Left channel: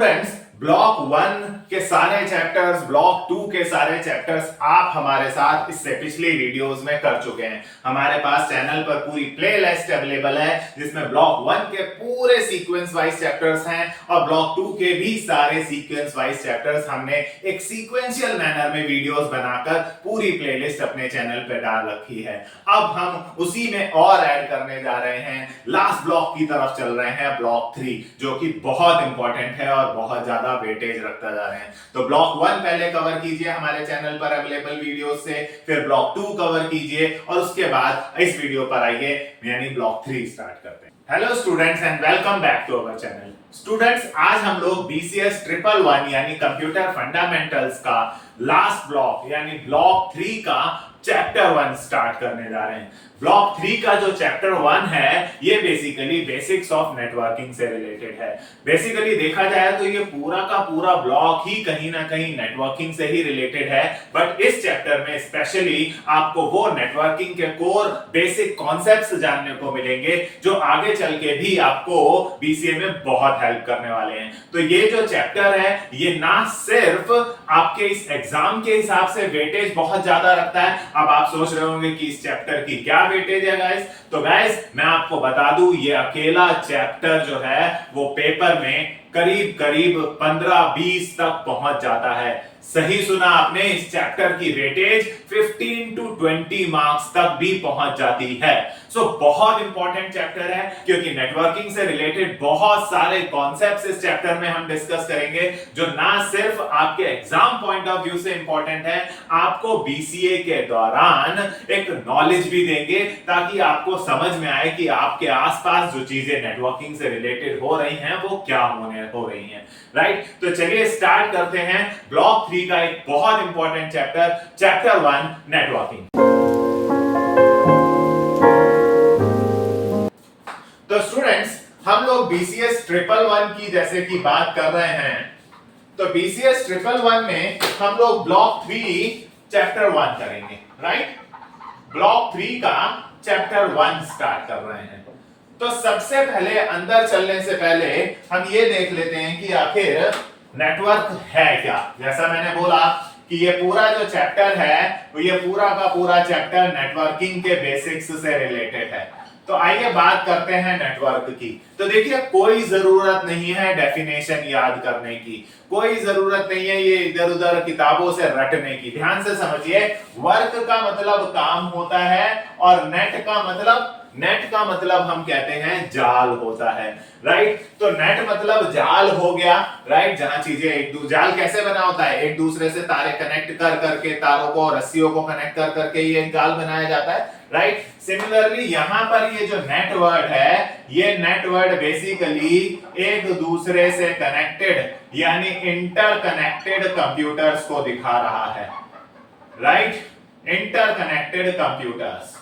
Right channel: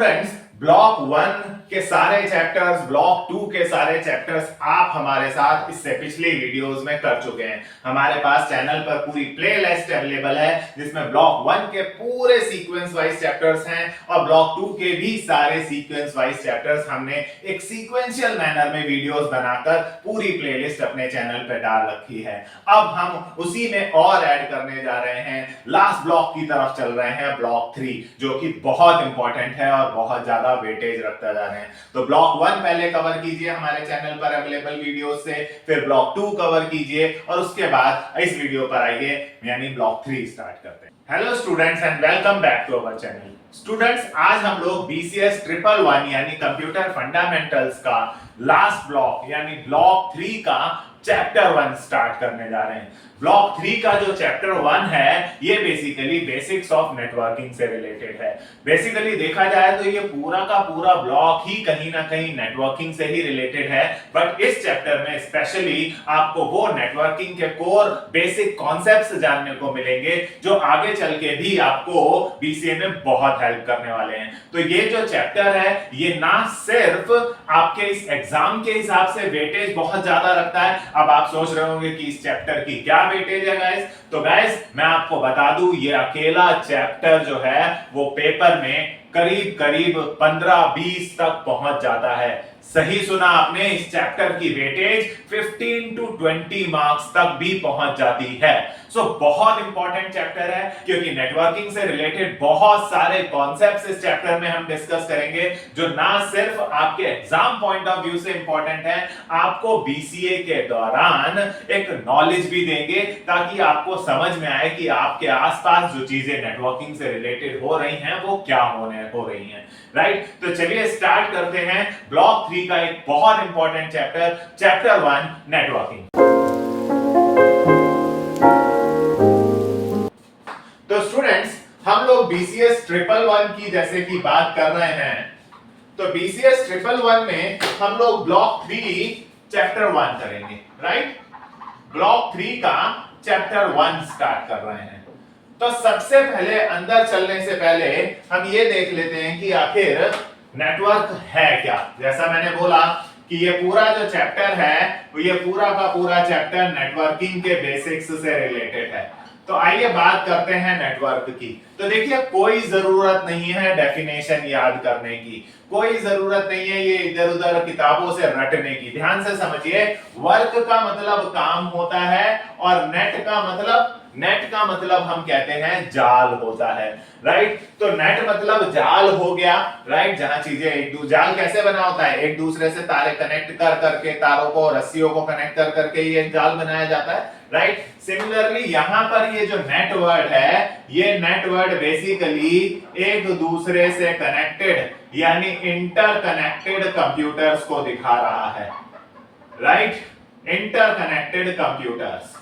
Students, block 1 के सारे chapters, block 2 के सारे चैप्टर्स आप हमारे साथ इससे पिछली वीडियोस में कर चुके हैं। हमारे पास चैनल पर पूरी प्लेलिस्ट अवेलेबल है जिसमें ब्लॉक 1 के पूरे सीक्वेंस वाइज चैप्टर्स हैं और ब्लॉक 2 के भी सारे सीक्वेंस वाइज चैप्टर्स हमने एक सीक्वेंशियल मैनर में वीडियोस बनाकर पूरी प्लेलिस्ट अपने चैनल पर डाल रखी है। अब हम उसी में और ऐड करने जा रहे हैं, लास्ट ब्लॉक की तरफ चल रहे हैं, ब्लॉक 3, जो कि बहुत इंपॉर्टेंट है और बहुत ज्यादा वेटेज रखता जा रहे हैं। तो ब्लॉक 1 पहले कवर कीजिए हमारे चैनल पर अवेलेबल वीडियो से, फिर ब्लॉक 2 कवर कीजिए और उसके बाद इस वीडियो पर आइए, यानी ब्लॉक 3 स्टार्ट करते हैं। Hello students and welcome back to our channel. Students, आज हम लोग BCS 111 यानी कंप्यूटर फंडामेंटल्स का लास्ट ब्लॉक यानी ब्लॉक 3 का चैप्टर 1 स्टार्ट करने जा रहे हैं। ब्लॉक 3 का जो चैप्टर 1 है ये बेसिकली बेसिक्स ऑफ नेटवर्किंग से रिलेटेड है। बेसिकली देखा जाए तो ये पूरा का पूरा ब्लॉक ही कहीं ना कहीं नेटवर्किंग से ही रिलेटेड है, बट इस चैप्टर में स्पेशली आपको वो नेटवर्किंग के कोर बेसिक कॉन्सेप्ट्स जानने को मिलेंगे जो आगे चल के भी आपको BCA में बहुत हेल्प करने वाले हैं। तो ये जो चैप्टर है ये ना सिर्फ आपके इस एग्जाम के हिसाब से वेटेज बहुत ज्यादा रखता है। अब आप सोच रहे होंगे कि इस चैप्टर की क्या वेटेज है गाइस, तो गाइस मैं आपको बता दूं ये अकेला चैप्टर जो है वो पेपर में करीब करीब 15-20 तक पहुंच जाता है। सही सुना आपने, इस चैप्टर की वेटेज 15 to 20 मार्क्स तक भी पहुंच जाती है। सो बहुत इंपॉर्टेंट चैप्टर है क्योंकि नेटवर्किंग से रिलेटेड बहुत सारे कॉन्सेप्ट्स इस चैप्टर में हम डिस्कस करेंगे जो ना सिर्फ आपके एग्जाम पॉइंट ऑफ व्यू से इंपॉर्टेंट है, आपको BCA के दौरान एक नॉलेज भी देंगे ताकि आपको समझ में आए कि आपके आसपास जो चीजें नेटवर्किंग से रिलेटेड हो रही हैं वो क्या हो रही हैं। राइट, तो चलिए स्टार्ट करते हैं ब्लॉक 3 का एक बहुत इंपॉर्टेंट चैप्टर 1 नेटवर्किंग। तो स्टूडेंट्स, हम लोग BCS 111 की जैसे कि बात कर रहे हैं, तो BCS 111 में हम लोग ब्लॉक 3 चैप्टर 1 करेंगे। राइट, ब्लॉक 3 का चैप्टर 1 स्टार्ट कर रहे हैं। तो सबसे पहले अंदर चलने से पहले हम ये देख लेते हैं कि आखिर नेटवर्क है क्या। जैसा मैंने बोला कि ये पूरा जो चैप्टर है तो ये पूरा का पूरा चैप्टर नेटवर्किंग के बेसिक्स से रिलेटेड है। तो आइए बात करते हैं नेटवर्क की। तो देखिए, कोई जरूरत नहीं है डेफिनेशन याद करने की, कोई जरूरत नहीं है ये इधर उधर किताबों से रटने की। ध्यान से समझिए, वर्क का मतलब काम होता है और नेट का मतलब हम कहते हैं जाल होता है। राइट, तो नेट मतलब जाल हो गया। राइट, जहां चीजें जाल कैसे बना होता है, एक दूसरे से तारे कनेक्ट कर करके, तारों को रस्सियों को कनेक्ट कर करके ये जाल बनाया जाता है। राइट, सिमिलरली यहां पर ये जो नेटवर्क है, ये नेटवर्क बेसिकली एक दूसरे से कनेक्टेड यानी इंटरकनेक्टेड कंप्यूटर्स को दिखा रहा है। राइट, इंटरकनेक्टेड कंप्यूटर्स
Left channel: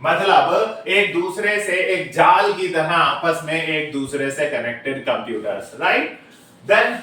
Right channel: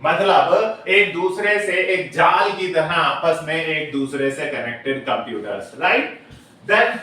मतलब एक दूसरे से एक जाल की तरह आपस में एक दूसरे से कनेक्टेड कंप्यूटर्स। राइट, देन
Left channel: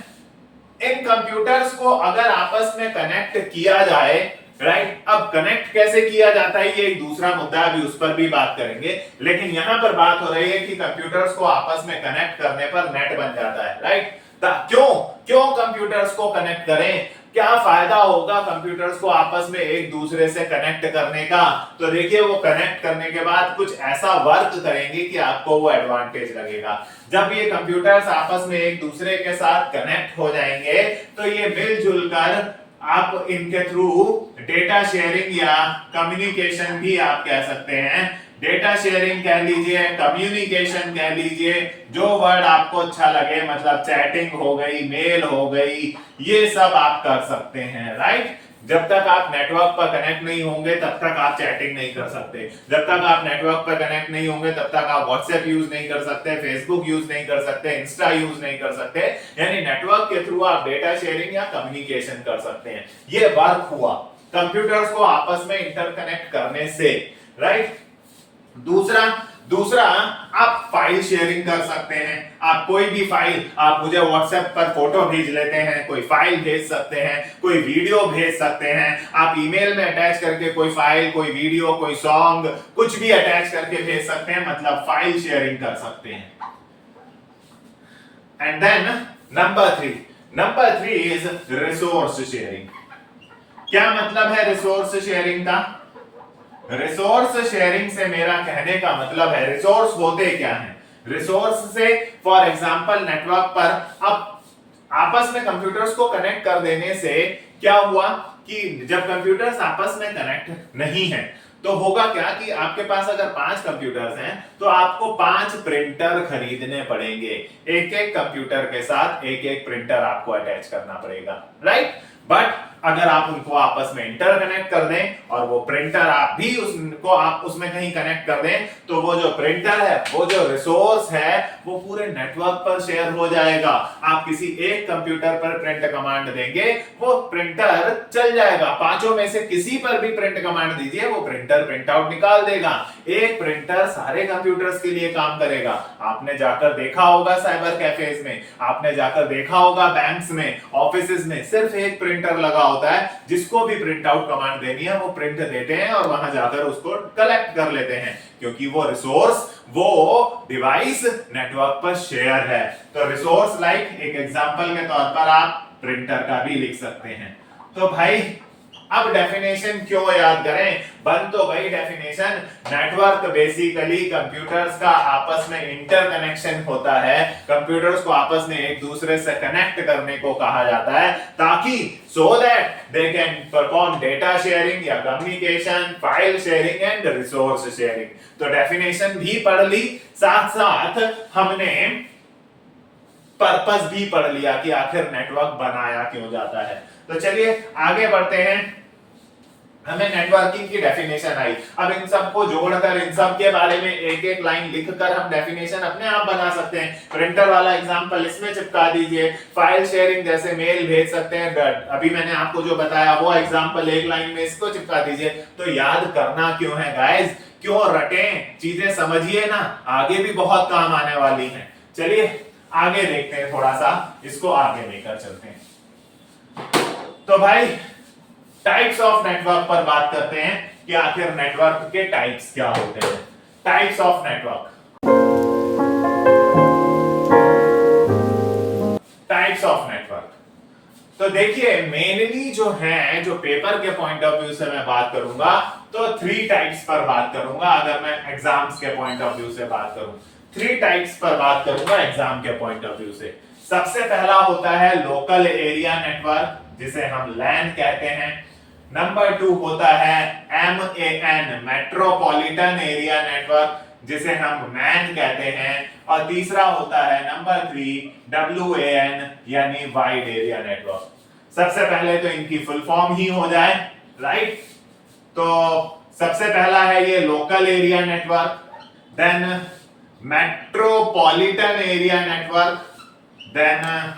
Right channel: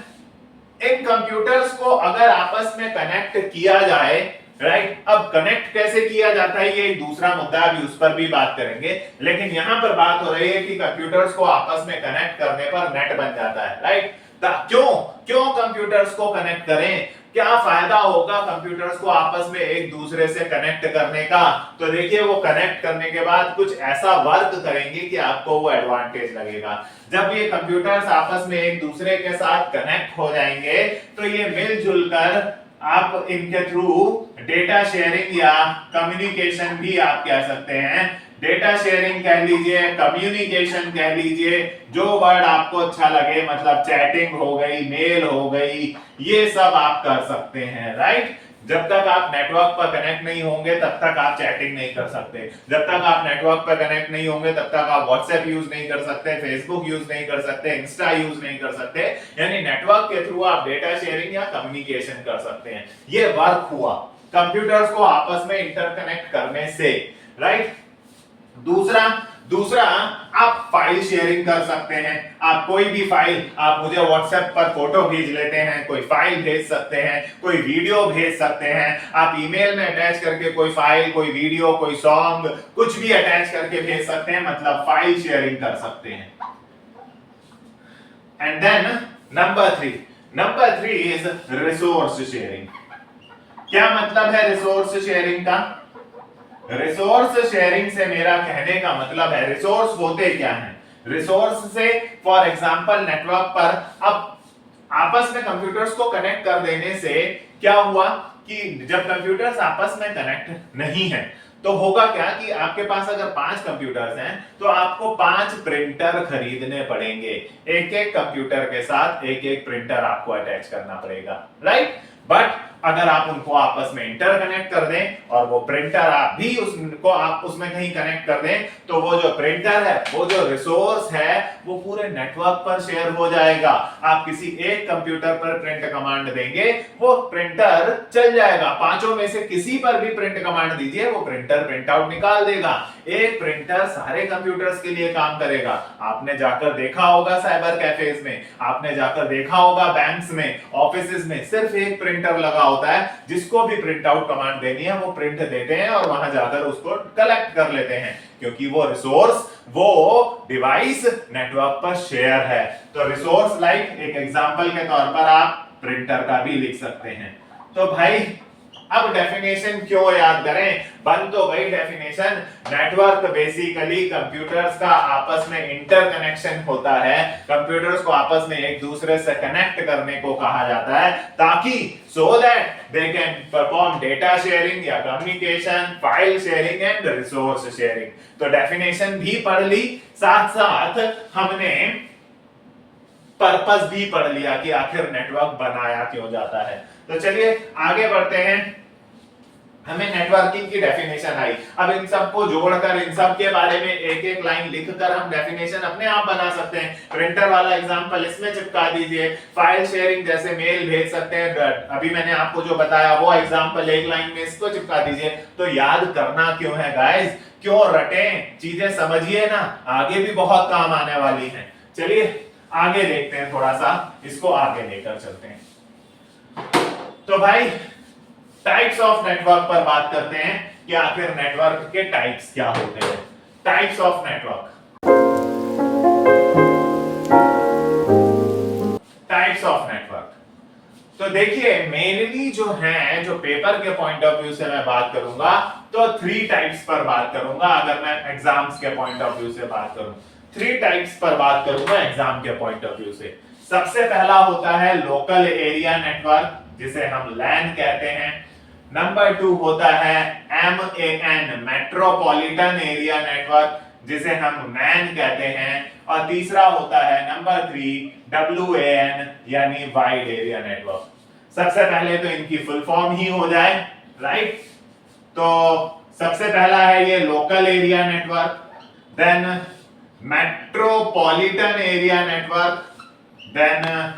इन कंप्यूटर्स को अगर आपस में कनेक्ट किया जाए, राइट, अब कनेक्ट कैसे किया जाता है ये एक दूसरा मुद्दा है, अभी उस पर भी बात करेंगे, लेकिन यहां पर बात हो रही है कि कंप्यूटर्स को आपस में कनेक्ट करने पर नेट बन जाता है। राइट, क्यों कंप्यूटर्स को कनेक्ट करें, क्या फायदा होगा कंप्यूटर्स को आपस में एक दूसरे से कनेक्ट करने का। तो देखिए, वो कनेक्ट करने के बाद कुछ ऐसा वर्क करेंगे कि आपको वो एडवांटेज लगेगा। जब ये कंप्यूटर्स आपस में एक दूसरे के साथ कनेक्ट हो जाएंगे तो ये मिलजुल कर आप इनके थ्रू डेटा शेयरिंग या कम्युनिकेशन भी आप कह सकते हैं, डेटा शेयरिंग कह लीजिए, कम्युनिकेशन कह लीजिए, जो वर्ड आपको अच्छा लगे, मतलब चैटिंग हो गई, मेल हो गई, ये सब आप कर सकते हैं। राइट, जब तक आप नेटवर्क पर कनेक्ट नहीं होंगे तब तक आप चैटिंग नहीं कर सकते, जब तक आप नेटवर्क पर कनेक्ट नहीं होंगे तब तक आप व्हाट्सएप यूज नहीं कर सकते, फेसबुक यूज नहीं कर सकते, इंस्टा यूज नहीं कर सकते। यानी नेटवर्क के थ्रू आप डेटा शेयरिंग या कम्युनिकेशन कर सकते हैं। ये वर्क हुआ कंप्यूटर्स को आपस में इंटरकनेक्ट करने से। राइट, दूसरा आप फाइल शेयरिंग कर सकते हैं। आप कोई भी फाइल, आप मुझे व्हाट्सएप पर फोटो भेज लेते हैं, कोई फाइल भेज सकते हैं, कोई वीडियो भेज सकते हैं, आप ईमेल में अटैच करके कोई फाइल, कोई वीडियो, कोई सॉन्ग, कुछ भी अटैच करके भेज सकते हैं, मतलब फाइल शेयरिंग कर सकते हैं। And then number three is resource sharing. क्या मतलब है रिसोर्स शेयरिंग का? रिसोर्स शेयरिंग से मेरा कहने का मतलब है, रिसोर्स होते क्या हैं? रिसोर्स से फॉर एग्जांपल नेटवर्क पर अब आपस में कंप्यूटर्स को कनेक्ट कर देने से क्या हुआ कि जब कंप्यूटर्स आपस में कनेक्ट नहीं है तो होगा क्या कि आपके पास अगर 5 कंप्यूटर्स हैं तो आपको 5 प्रिंटर खरीदने पड़ेंगे। एक एक कंप्यूटर के साथ एक एक प्रिंटर आपको अटैच करना पड़ेगा, राइट? बट अगर आप उनको आपस में इंटरकनेक्ट कर दें और वो प्रिंटर आप भी उसको आप उसमें कहीं कनेक्ट कर दें तो वो जो प्रिंटर है, वो जो रिसोर्स है, वो पूरे नेटवर्क पर शेयर हो जाएगा। आप किसी एक कंप्यूटर पर प्रिंट कमांड देंगे, वो प्रिंटर चल जाएगा। पांचों में से किसी पर भी प्रिंट कमांड दीजिए, वो प्रिंटर प्रिंट आउट निकाल देगा। एक प्रिंटर सारे कंप्यूटर्स के लिए काम करेगा। आपने जाकर देखा होगा साइबर कैफेज में, आपने जाकर देखा होगा बैंक्स में, ऑफिसेज में, सिर्फ एक प्रिंटर लगा होता है। जिसको भी प्रिंट आउट कमांड देनी है वो प्रिंट देते हैं और वहां जाकर उसको कलेक्ट कर लेते हैं, क्योंकि वो रिसोर्स, वो डिवाइस नेटवर्क पर शेयर है। तो रिसोर्स लाइक एक एग्जांपल के तौर पर आप प्रिंटर का भी लिख सकते हैं। तो भाई अब डेफिनेशन क्यों याद करें? बन तो गई डेफिनेशन। नेटवर्क बेसिकली कंप्यूटर्स का आपस में इंटरकनेक्शन होता है, कंप्यूटर्स को आपस में एक दूसरे से कनेक्ट करने को कहा जाता है, ताकि so that they can perform data sharing या communication, file sharing and resource sharing. तो डेफिनेशन भी पढ़ ली, साथ साथ हमने पर्पस भी पढ़ लिया कि आखिर नेटवर्क बनाया क्यों जाता है। तो चलिए आगे बढ़ते हैं। हमें नेटवर्किंग की डेफिनेशन आई, अब इन सबको जोड़कर इन सब के बारे में एक एक लाइन लिखकर हम डेफिनेशन अपने आप बना सकते हैं। प्रिंटर वाला एग्जांपल इसमें चिपका दीजिए, फाइल शेयरिंग जैसे मेल भेज सकते हैं, अभी मैंने आपको जो बताया वो एग्जांपल एक लाइन में इसको चिपका दीजिए। तो याद करना क्यों है गाइस? क्यों रटें? चीजें समझिए ना, आगे भी बहुत काम आने वाली है। चलिए आगे देखते हैं, थोड़ा सा इसको आगे लेकर चलते हैं। तो भाई टाइप्स ऑफ नेटवर्क पर बात करते हैं कि आखिर नेटवर्क के टाइप्स क्या होते हैं। Types of network, types of network. तो देखिए मेनली जो है, जो पेपर के पॉइंट ऑफ व्यू से मैं बात करूंगा तो 3 टाइप्स पर बात करूंगा। अगर मैं एग्जाम्स के पॉइंट ऑफ व्यू से बात करूं, 3 टाइप्स पर बात करूंगा एग्जाम के पॉइंट ऑफ व्यू से। सबसे पहला होता है लोकल एरिया नेटवर्क, जिसे हम लैन कहते हैं। नंबर 2 होता है MAN, मेट्रोपॉलिटन एरिया नेटवर्क, जिसे हम मैन कहते हैं। और तीसरा होता है नंबर 3 WAN, यानी वाइड एरिया नेटवर्क। सबसे पहले तो इनकी फुल फॉर्म ही हो जाए, राइट? तो सबसे पहला है ये local area network, then metropolitan area network, then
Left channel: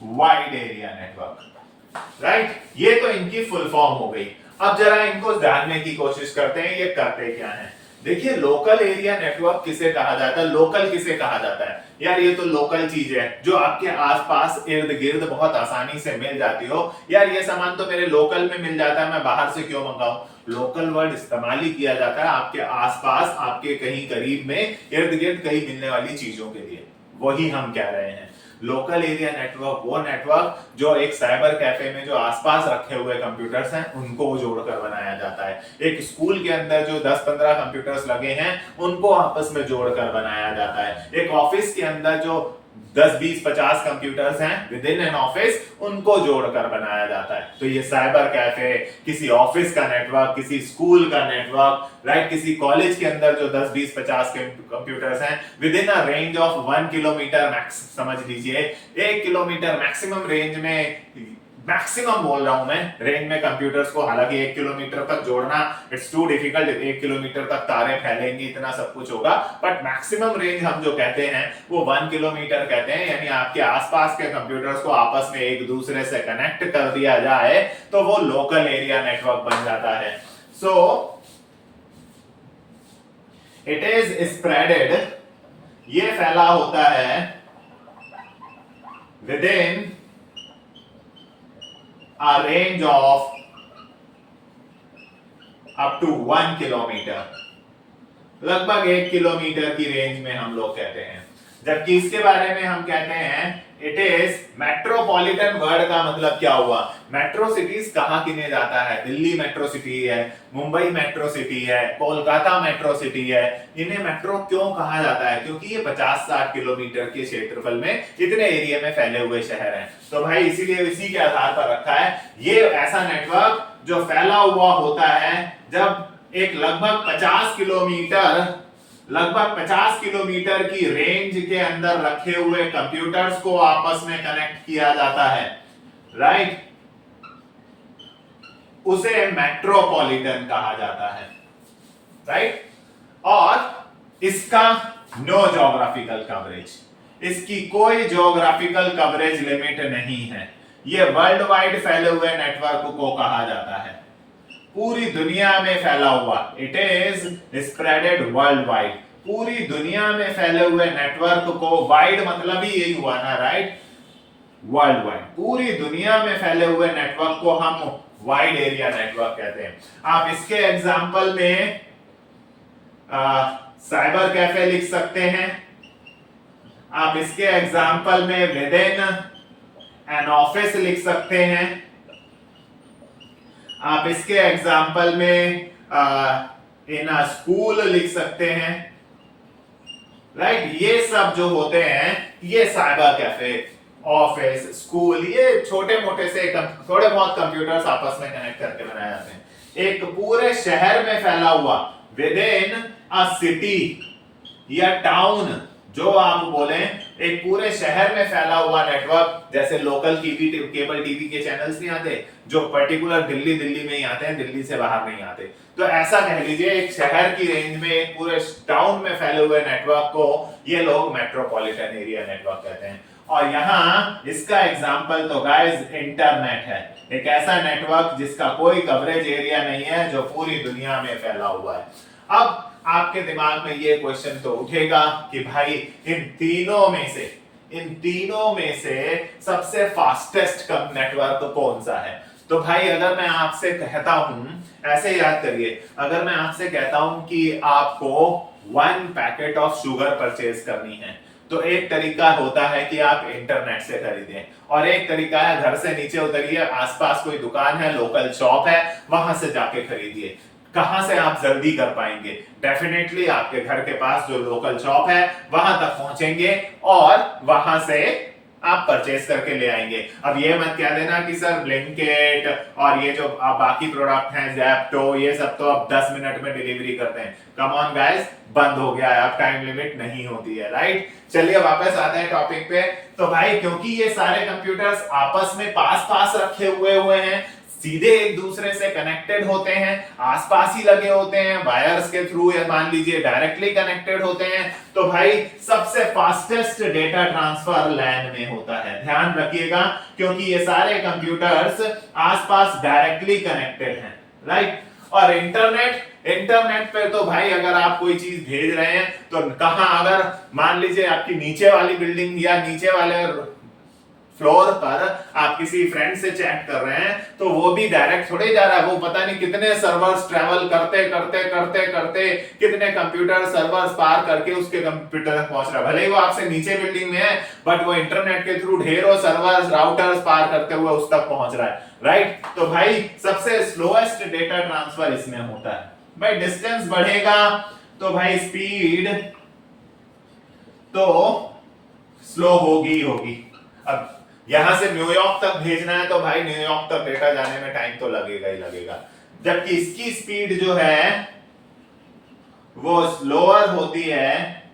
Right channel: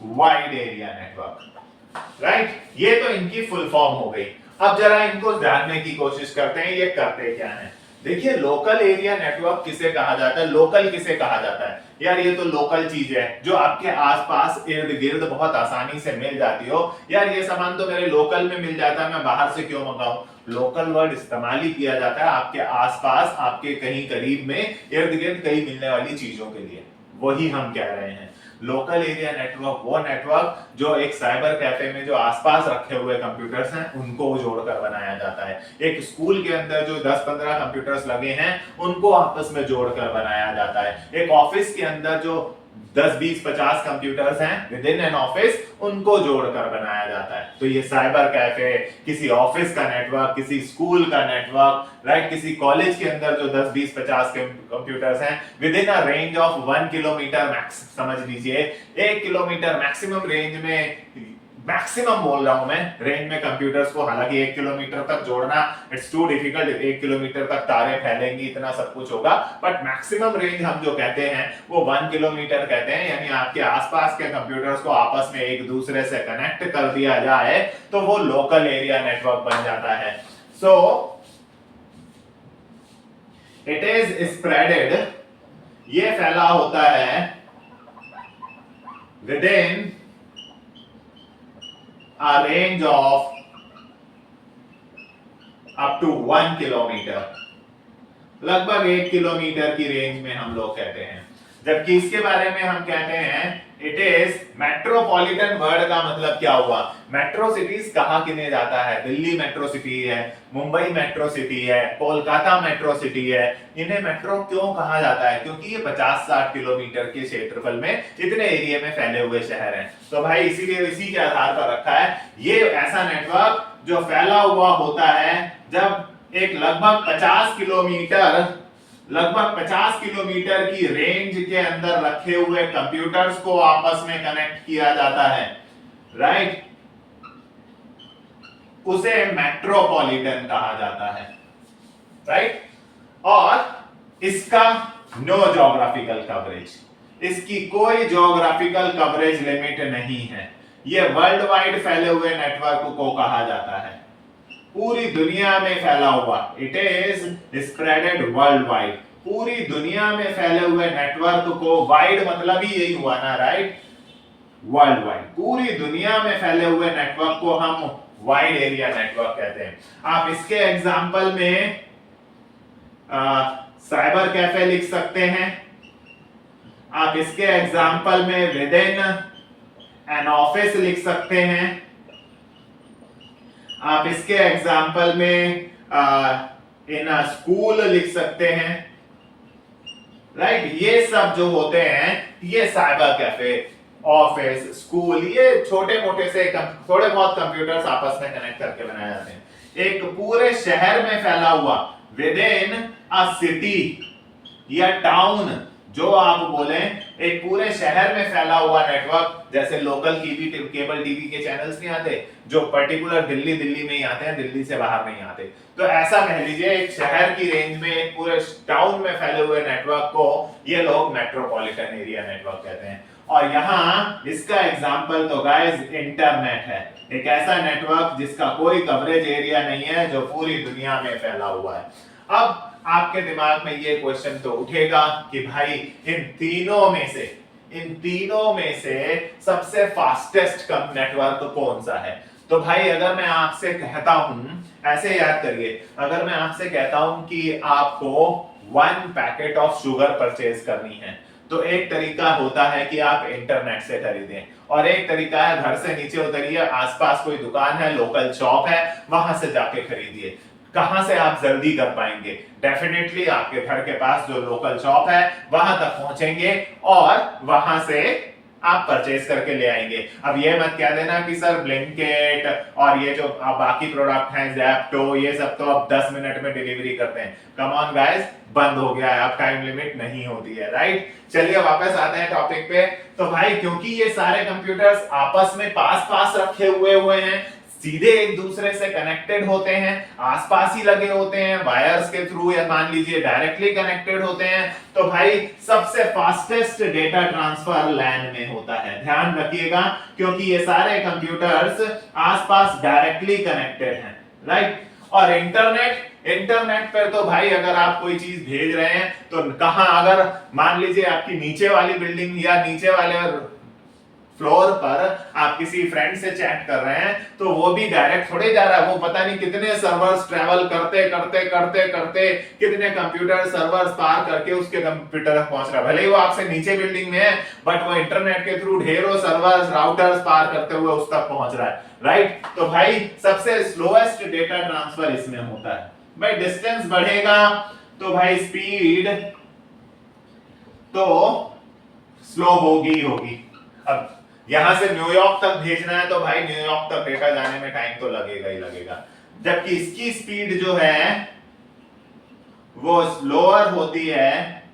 wide area network, right? ये तो इनकी फुल फॉर्म हो गई। अब जरा इनको जानने की कोशिश करते हैं, ये करते क्या हैं। देखिए लोकल एरिया नेटवर्क किसे कहा जाता है, लोकल किसे कहा जाता है? यार ये तो लोकल चीज है जो आपके आसपास इर्द गिर्द बहुत आसानी से मिल जाती हो। यार ये सामान तो मेरे लोकल में मिल जाता है, मैं बाहर से क्यों मंगाऊं? लोकल वर्ड इस्तेमाल ही किया जाता है आपके आसपास, आपके कहीं करीब में, इर्द गिर्द कहीं मिलने वाली चीजों के लिए। वही हम कह रहे हैं। लोकल एरिया नेटवर्क वो नेटवर्क जो एक साइबर कैफे में जो आसपास रखे हुए कंप्यूटर्स हैं उनको जोड़कर बनाया जाता है। एक स्कूल के अंदर जो 10-15 कंप्यूटर्स लगे हैं उनको आपस में जोड़कर बनाया जाता है। एक ऑफिस के अंदर जो 10-20-50 कंप्यूटर्स हैं विद इन एन ऑफिस, उनको जोड़कर बनाया जाता है। तो ये साइबर कैफे, किसी ऑफिस का नेटवर्क, किसी स्कूल का नेटवर्क, राइट? किसी कॉलेज के अंदर जो 10-20-50 कंप्यूटर्स हैं with in a range of 1 kilometre max, समझ लीजिए 1 किलोमीटर मैक्सिमम रेंज में, मैक्सिमम बोल रहा हूं मैं, रेंज में कंप्यूटर्स को, हालांकि 1 किलोमीटर तक जोड़ना इट्स टू डिफिकल्ट, 1 किलोमीटर तक तारे फैलेंगी, इतना सब कुछ होगा, बट मैक्सिमम रेंज हम जो कहते हैं वो 1 किलोमीटर कहते हैं। यानी आपके आसपास के कंप्यूटर्स को आपस में एक दूसरे से कनेक्ट कर दिया जाए तो वो लोकल एरिया नेटवर्क बन जाता है। सो इट इज स्प्रेडेड, ये फैला होता है with in a range of up to 1 kilometre, लगभग 1 किलोमीटर की रेंज में हम लोग कहते हैं। जबकि इसके बारे में हम कहते हैं इट इज मेट्रोपॉलिटन। वर्ड का मतलब क्या हुआ? मेट्रो सिटीज कहाँ गिने जाता है? दिल्ली मेट्रो सिटी है, मुंबई मेट्रो सिटी है, कोलकाता मेट्रो सिटी है। इन्हें मेट्रो क्यों कहा जाता है? क्योंकि ये 50-60 किलोमीटर के क्षेत्रफल में इतने एरिया में फैले हुए शहर हैं। तो भाई इसीलिए इसी के आधार पर रखा है। ये ऐसा नेटवर्क जो फैला हुआ होता है जब एक लगभग 50 किलोमीटर की रेंज के अंदर रखे हुए कंप्यूटर्स को आपस में कनेक्ट किया जाता है, राइट? उसे मेट्रोपॉलिटन कहा जाता है, राइट? और इसका नो ज्योग्राफिकल कवरेज, इसकी कोई ज्योग्राफिकल कवरेज लिमिट नहीं है। यह वर्ल्ड वाइड फैले हुए नेटवर्क को कहा जाता है, पूरी दुनिया में फैला हुआ। It is spreaded world wide, पूरी दुनिया में फैले हुए नेटवर्क को, वाइड मतलब ही यही हुआ ना, राइट? वर्ल्ड वाइड, पूरी दुनिया में फैले हुए नेटवर्क को हम वाइड एरिया नेटवर्क कहते हैं। आप इसके एग्जांपल में साइबर कैफे लिख सकते हैं। आप इसके एग्जांपल में विद इन एन ऑफिस लिख सकते हैं। आप इसके एग्जाम्पल में इन अ स्कूल लिख सकते हैं, राइट? ये सब जो होते हैं ये साइबर कैफे, ऑफिस, स्कूल, ये छोटे मोटे से थोड़े बहुत कंप्यूटर्स आपस में कनेक्ट करके बनाए जाते हैं। एक पूरे शहर में फैला हुआ, विद इन अ सिटी या टाउन, जो आप बोले, एक पूरे शहर में फैला हुआ नेटवर्क, जैसे लोकल केबल टीवी के चैनल्स नहीं आते जो पर्टिकुलर दिल्ली में ही आते हैं, दिल्ली से बाहर नहीं आते। तो ऐसा कह लीजिए एक शहर की रेंज में एक पूरे टाउन में फैले हुए नेटवर्क को ये लोग मेट्रोपॉलिटन एरिया नेटवर्क कहते हैं। और यहाँ इसका एग्जाम्पल तो गाइस इंटरनेट है, एक ऐसा नेटवर्क जिसका कोई कवरेज एरिया नहीं है, जो पूरी दुनिया में फैला हुआ है। अब आपके दिमाग में ये क्वेश्चन तो उठेगा कि भाई इन तीनों में से सबसे फास्टेस्ट नेटवर्क कौन सा है? तो भाई अगर मैं आपसे कहता हूं, ऐसे याद करिए, अगर मैं आपसे कहता हूं कि आपको 1 पैकेट ऑफ शुगर परचेज करनी है, तो एक तरीका होता है कि आप इंटरनेट से खरीदें, और एक तरीका है घर से नीचे उतरिए, आसपास कोई दुकान है, लोकल शॉप है, वहां से जाके खरीदिए। कहां से आप जल्दी कर पाएंगे? डेफिनेटली आपके घर के पास जो लोकल शॉप है वहां तक पहुंचेंगे और वहां से आप परचेज करके ले आएंगे। अब ये मत कह देना कि सर ब्लिंकिट और ये जो बाकी प्रोडक्ट हैं ज़ेप्टो, ये सब तो अब 10 मिनट में डिलीवरी करते हैं। कम ऑन गाइस, बंद हो गया है, अब टाइम लिमिट नहीं होती है, राइट? चलिए वापस आते हैं टॉपिक पे। तो भाई क्योंकि ये सारे कंप्यूटर्स आपस में पास रखे हुए हैं, सीधे एक दूसरे से कनेक्टेड होते हैं, आसपास ही लगे होते हैं, वायर्स के थ्रू या मान लीजिए डायरेक्टली कनेक्टेड होते हैं, तो भाई सबसे फास्टेस्ट डेटा ट्रांसफर लैन में होता है। ध्यान रखिएगा, क्योंकि ये सारे कंप्यूटर्स आसपास डायरेक्टली कनेक्टेड हैं, राइट? और इंटरनेट पे तो भाई अगर आप कोई चीज भेज रहे हैं तो कहां, अगर मान लीजिए आपकी नीचे वाली बिल्डिंग या नीचे वाले फ्लोर पर आप किसी फ्रेंड से चैट कर रहे हैं, तो वो भी डायरेक्ट थोड़े जा रहा है, वो पता नहीं कितने सर्वर्स ट्रैवल करते कितने कंप्यूटर सर्वर्स पार करके उसके कंप्यूटर तक पहुंच रहा है। भले ही वो आपसे नीचे बिल्डिंग में है, बट वो इंटरनेट के थ्रू ढेरों सर्वर्स, राउटर्स पार करते हुए उस तक पहुंच रहा है, राइट? तो भाई सबसे स्लोएस्ट डेटा ट्रांसफर इसमें होता है। भाई डिस्टेंस बढ़ेगा तो भाई स्पीड तो स्लो होगी। अब यहां से न्यूयॉर्क तक भेजना है तो भाई न्यूयॉर्क तक डेटा जाने में टाइम तो लगेगा ही लगेगा, जबकि इसकी स्पीड जो है वो स्लोअर होती है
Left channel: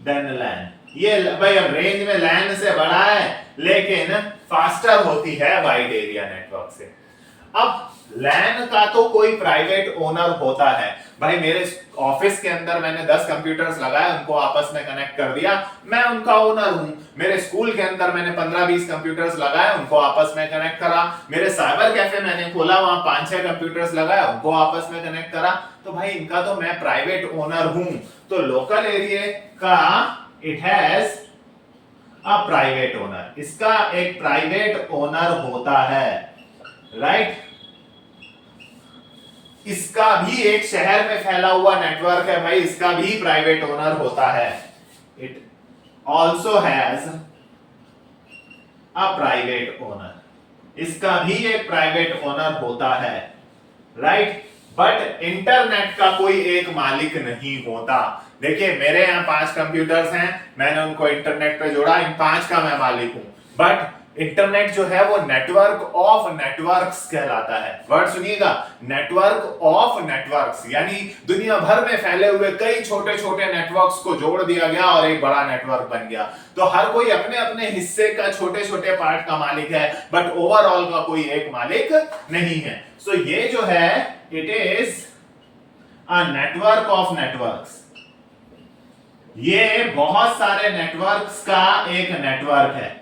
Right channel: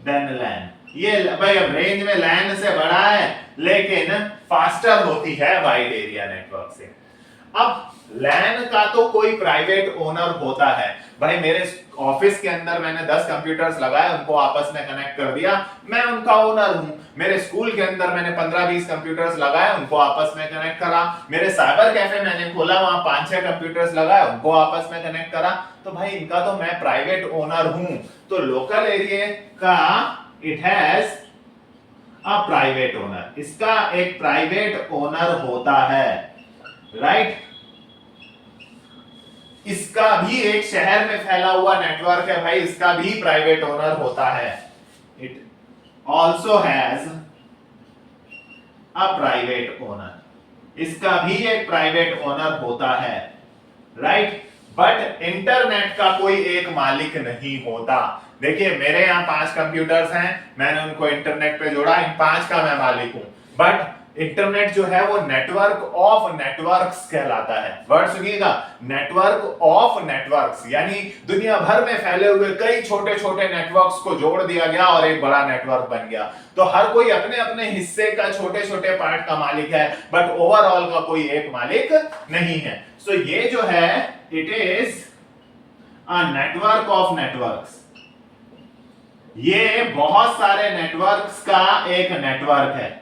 देन लैन। ये भाई अब रेंज में लैन से बड़ा है लेकिन फास्टर होती है वाइड एरिया नेटवर्क से। अब लैन का तो कोई प्राइवेट ओनर होता है। भाई मेरे ऑफिस के अंदर मैंने 10 कंप्यूटर्स लगाए, उनको आपस में कनेक्ट कर दिया, मैं उनका ओनर हूं। मेरे स्कूल के अंदर मैंने 15-20 कंप्यूटर्स लगाए, उनको आपस में कनेक्ट करा। मेरे साइबर कैफे मैंने खोला, वहां 5-6 कंप्यूटर्स लगाए, उनको आपस में कनेक्ट करा। तो भाई इनका तो मैं प्राइवेट ओनर हूं। तो लोकल एरिया का it has a private owner, इसका एक प्राइवेट ओनर होता है, राइट? इसका भी एक शहर में फैला हुआ नेटवर्क है भाई, इसका भी प्राइवेट ओनर होता है। It also has a private owner, इसका भी एक प्राइवेट ओनर होता है, राइट। बट इंटरनेट का कोई एक मालिक नहीं होता। देखिए मेरे यहाँ 5 कंप्यूटर्स हैं, मैंने उनको इंटरनेट पे जोड़ा, इन 5 का मैं मालिक हूं। बट इंटरनेट जो है वो नेटवर्क ऑफ नेटवर्क्स कहलाता है। वर्ड सुनिएगा, नेटवर्क ऑफ नेटवर्क्स, यानी दुनिया भर में फैले हुए कई छोटे छोटे नेटवर्क्स को जोड़ दिया गया और एक बड़ा नेटवर्क बन गया। तो हर कोई अपने अपने हिस्से का छोटे छोटे पार्ट का मालिक है, बट ओवरऑल का कोई एक मालिक नहीं है। सो ये जो है it is a network of networks, ये बहुत सारे नेटवर्क्स का एक नेटवर्क है,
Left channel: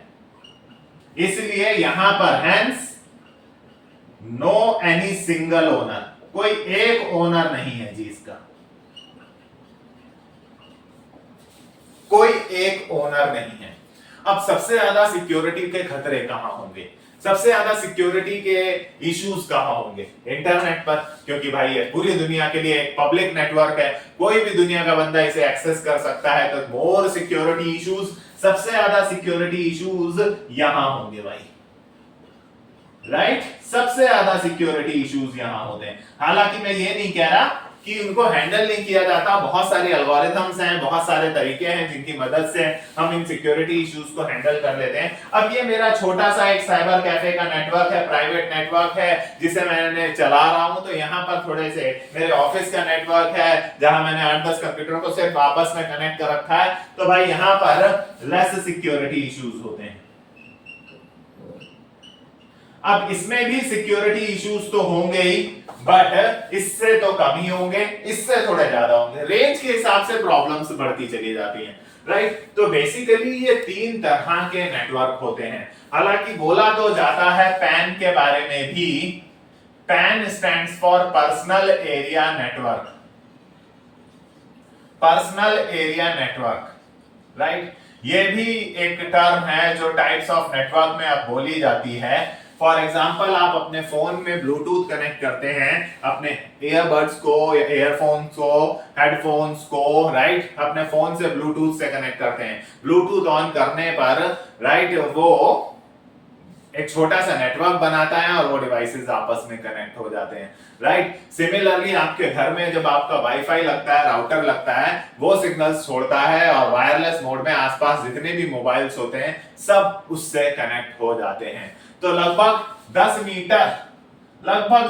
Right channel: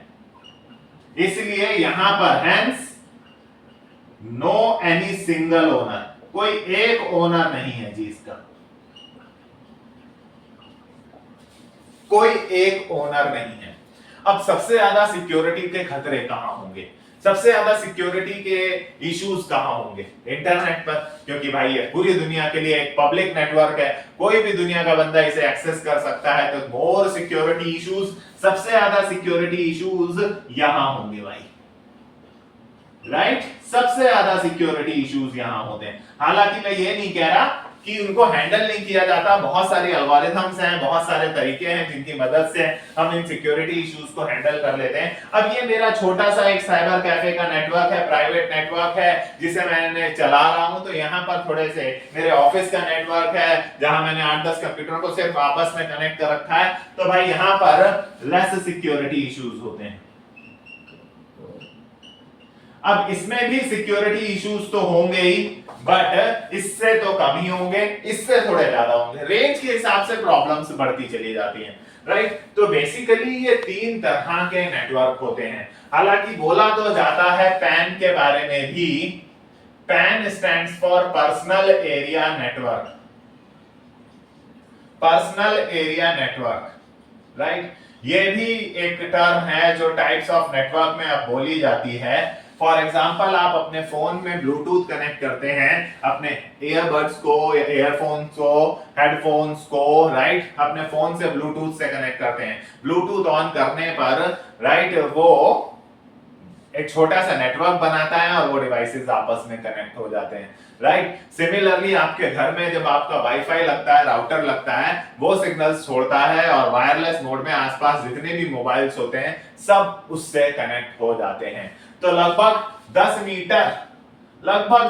इसलिए यहां पर hence no any single owner, कोई एक ओनर नहीं है जी, इसका कोई एक ओनर नहीं है। अब सबसे ज्यादा सिक्योरिटी के खतरे कहां होंगे, सबसे ज्यादा सिक्योरिटी के इश्यूज कहां होंगे? इंटरनेट पर, क्योंकि भाई ये पूरी दुनिया के लिए एक पब्लिक नेटवर्क है, कोई भी दुनिया का बंदा इसे एक्सेस कर सकता है, तो मोर सिक्योरिटी इश्यूज, सबसे ज्यादा सिक्योरिटी इश्यूज यहां होंगे भाई, राइट। सबसे ज्यादा सिक्योरिटी इश्यूज यहां होते हैं। हालांकि मैं ये नहीं कह रहा कि उनको हैंडल नहीं किया जाता, बहुत सारे एल्गोरिथम्स हैं, बहुत सारे तरीके हैं जिनकी मदद से हम इन सिक्योरिटी इश्यूज को हैंडल कर लेते हैं। अब ये मेरा छोटा सा एक साइबर कैफे का नेटवर्क है, प्राइवेट नेटवर्क है जिसे मैंने चला रहा हूं, तो यहाँ पर थोड़े से मेरे ऑफिस का नेटवर्क है जहां मैंने 8-10 कंप्यूटरों को सिर्फ आपस में कनेक्ट कर रखा है, तो भाई यहाँ पर लेस सिक्योरिटी इश्यूज होते हैं। अब इसमें भी सिक्योरिटी इश्यूज तो होंगे ही, बट इससे तो कम ही होंगे, इससे थोड़े ज्यादा होंगे, रेंज के हिसाब से प्रॉब्लम्स बढ़ती चली जाती हैं, राइट। तो बेसिकली ये 3 तरह के नेटवर्क होते हैं। हालांकि बोला तो जाता है पैन के बारे में भी, pan stands for personal area network, personal area network, right. ये भी एक टर्म है जो टाइप्स ऑफ नेटवर्क में अब बोली जाती है। फॉर एग्जाम्पल आप अपने फोन में ब्लूटूथ कनेक्ट करते हैं, अपने ईयरबड्स को, ईयरफोन्स को, हेडफोन्स को, राइट, अपने फोन से ब्लूटूथ से कनेक्ट करते हैं। ब्लूटूथ ऑन करने पर, राइट, वो एक छोटा सा नेटवर्क बनाता है और वो डिवाइसेस आपस में कनेक्ट हो जाते हैं, राइट। सिमिलरली आपके घर में जब आपका वाईफाई लगता है, राउटर लगता है, वो सिग्नल्स छोड़ता है और वायरलेस मोड में आसपास जितने भी मोबाइल्स होते हैं सब उससे कनेक्ट हो जाते हैं। तो लगभग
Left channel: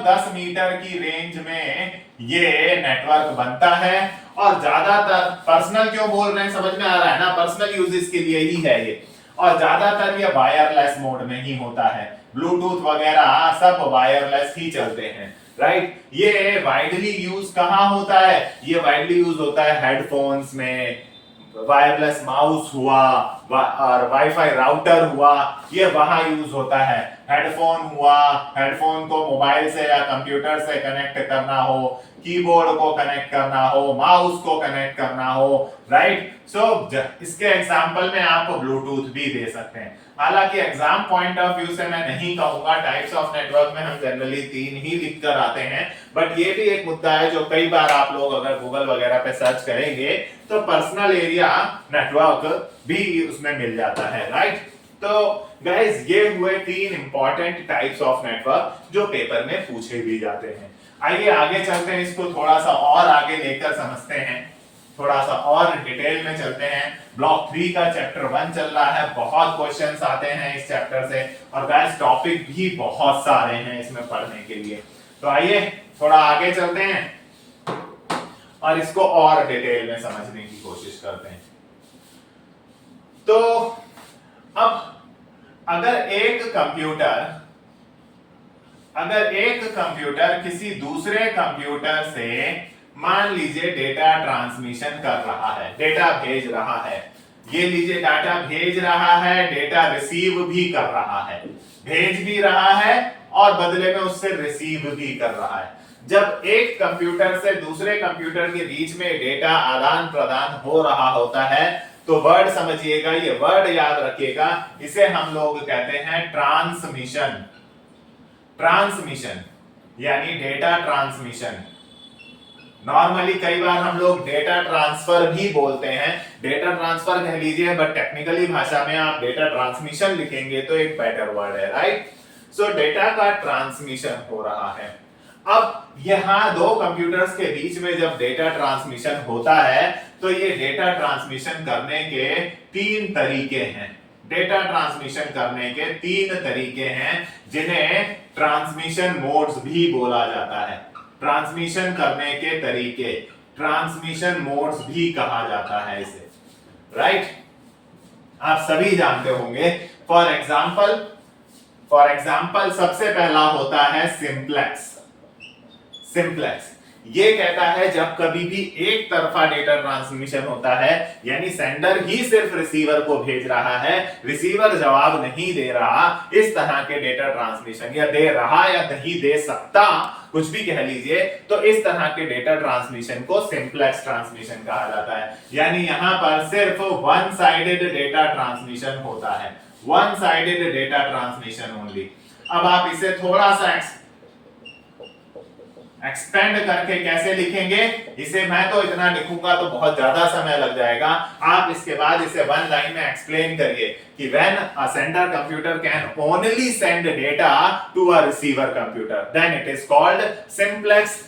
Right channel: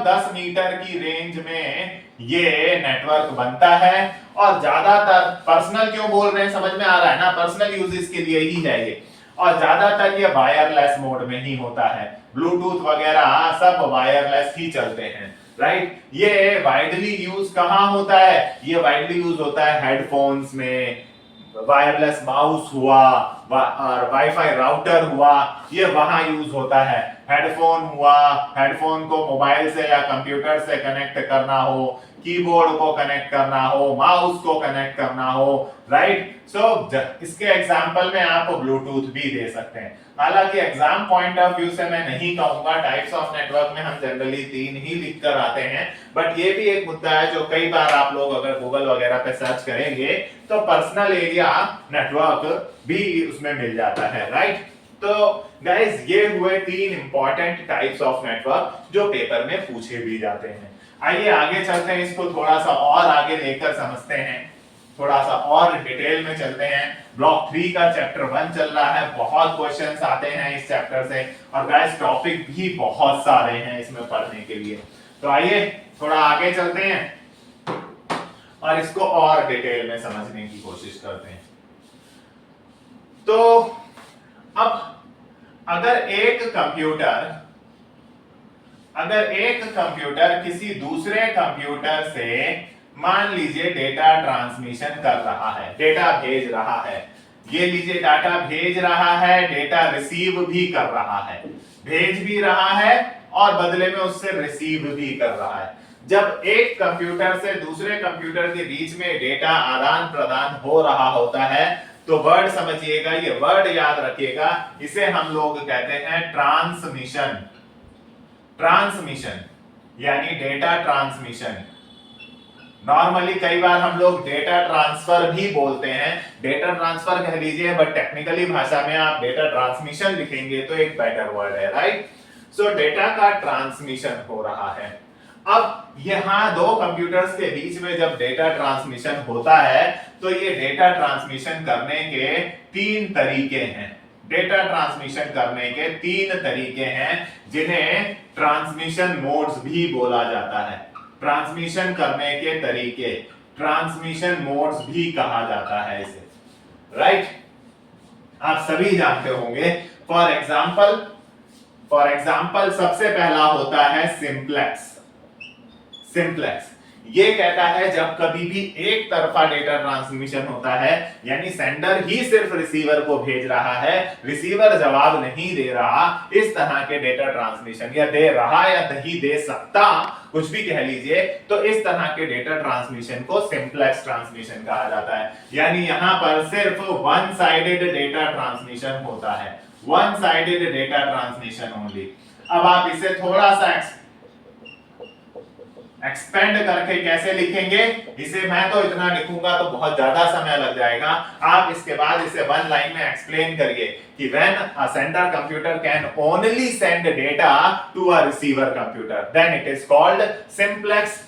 10 मीटर की रेंज में ये नेटवर्क बनता है, और ज्यादातर पर्सनल क्यों बोल रहे हैं, समझ में आ रहा है ना, पर्सनल यूजेस के लिए ही है ये, और ज्यादातर ये वायरलेस मोड में ही होता है। ब्लूटूथ वगैरह सब वायरलेस ही चलते हैं, राइट। ये वाइडली यूज कहां होता है? ये वाइडली यूज होता है हेडफोन्स में, वायरलेस माउस हुआ और वाईफाई राउटर हुआ, ये वहां यूज होता है। हेडफोन हुआ, हेडफोन को मोबाइल से या कंप्यूटर से कनेक्ट करना हो, कीबोर्ड को कनेक्ट करना हो, माउस को कनेक्ट करना हो, राइट। सो इसके एग्जांपल में आप ब्लूटूथ भी दे सकते हैं। हालांकि एग्जाम पॉइंट ऑफ व्यू से मैं नहीं कहूंगा, टाइप्स ऑफ नेटवर्क में हम जनरली 3 ही लिख कर आते हैं, बट ये भी एक मुद्दा है जो कई बार आप लोग अगर गूगल वगैरह पे सर्च करेंगे तो पर्सनल एरिया नेटवर्क भी उसमें मिल जाता है, राइट। तो गाइस ये हुए 3 इंपॉर्टेंट टाइप्स ऑफ नेटवर्क जो पेपर में पूछे भी जाते हैं। आइए आगे चलते हैं, इसको थोड़ा सा और आगे लेकर समझते हैं, थोड़ा सा और डिटेल में चलते हैं। ब्लॉक 3 का चैप्टर 1 चल रहा है, बहुत क्वेश्चंस आते हैं इस चैप्टर से, और गाइस टॉपिक भी बहुत सारे हैं इसमें पढ़ने के लिए। तो आइए थोड़ा आगे चलते हैं और इसको और डिटेल में समझने की कोशिश करते हैं। तो अब अगर एक कंप्यूटर किसी दूसरे कंप्यूटर से मान लीजिए डेटा ट्रांसमिशन कर रहा है, डेटा भेज रहा है, ये लीजिए डाटा भेज रहा है, डेटा रिसीव भी कर रहा है, भेज भी रहा है और बदले में उससे रिसीव भी कर रहा है। जब एक कंप्यूटर से दूसरे कंप्यूटर के बीच में डेटा आदान प्रदान हो रहा होता है तो वर्ड समझिएगा, ये वर्ड याद रखिएगा, इसे हम लोग कहते हैं ट्रांसमिशन। ट्रांसमिशन यानी डेटा ट्रांसमिशन। नॉर्मली कई बार हम लोग डेटा ट्रांसफर भी बोलते हैं, डेटा ट्रांसफर कह लीजिए, बट टेक्निकली भाषा में आप डेटा ट्रांसमिशन लिखेंगे तो एक बेटर वर्ड है, राइट। सो डेटा का ट्रांसमिशन हो रहा है। अब यहां दो कंप्यूटर्स के बीच में जब डेटा ट्रांसमिशन होता है तो ये डेटा ट्रांसमिशन करने के तीन तरीके हैं। डेटा ट्रांसमिशन करने के तीन तरीके हैं जिन्हें ट्रांसमिशन मोड्स भी बोला जाता है। ट्रांसमिशन करने के तरीके ट्रांसमिशन मोड्स भी कहा जाता है इसे, राइट। आप सभी जानते होंगे। फॉर एग्जाम्पल सबसे पहला होता है सिंप्लेक्स। सिंप्लेक्स ये कहता है जब कभी भी एक तरफा डेटा ट्रांसमिशन होता है, यानी सेंडर ही सिर्फ रिसीवर को भेज रहा है, रिसीवर जवाब नहीं दे रहा, इस तरह के डेटा ट्रांसमिशन, या दे रहा या नहीं दे सकता, कुछ भी कह लीजिए, तो इस तरह के डेटा ट्रांसमिशन को सिंप्लेक्स ट्रांसमिशन कहा जाता है। यानी यहां पर सिर्फ वन साइडेड डेटा ट्रांसमिशन होता है, one sided data transmission only. अब आप इसे थोड़ा सा एक्सपेंड करके कैसे लिखेंगे, इसे मैं तो इतना लिखूंगा तो बहुत ज्यादा समय लग जाएगा। आप इसके बाद इसे वन लाइन में एक्सप्लेन करिए कि when a sender computer can only send data to a receiver computer then it is called simplex,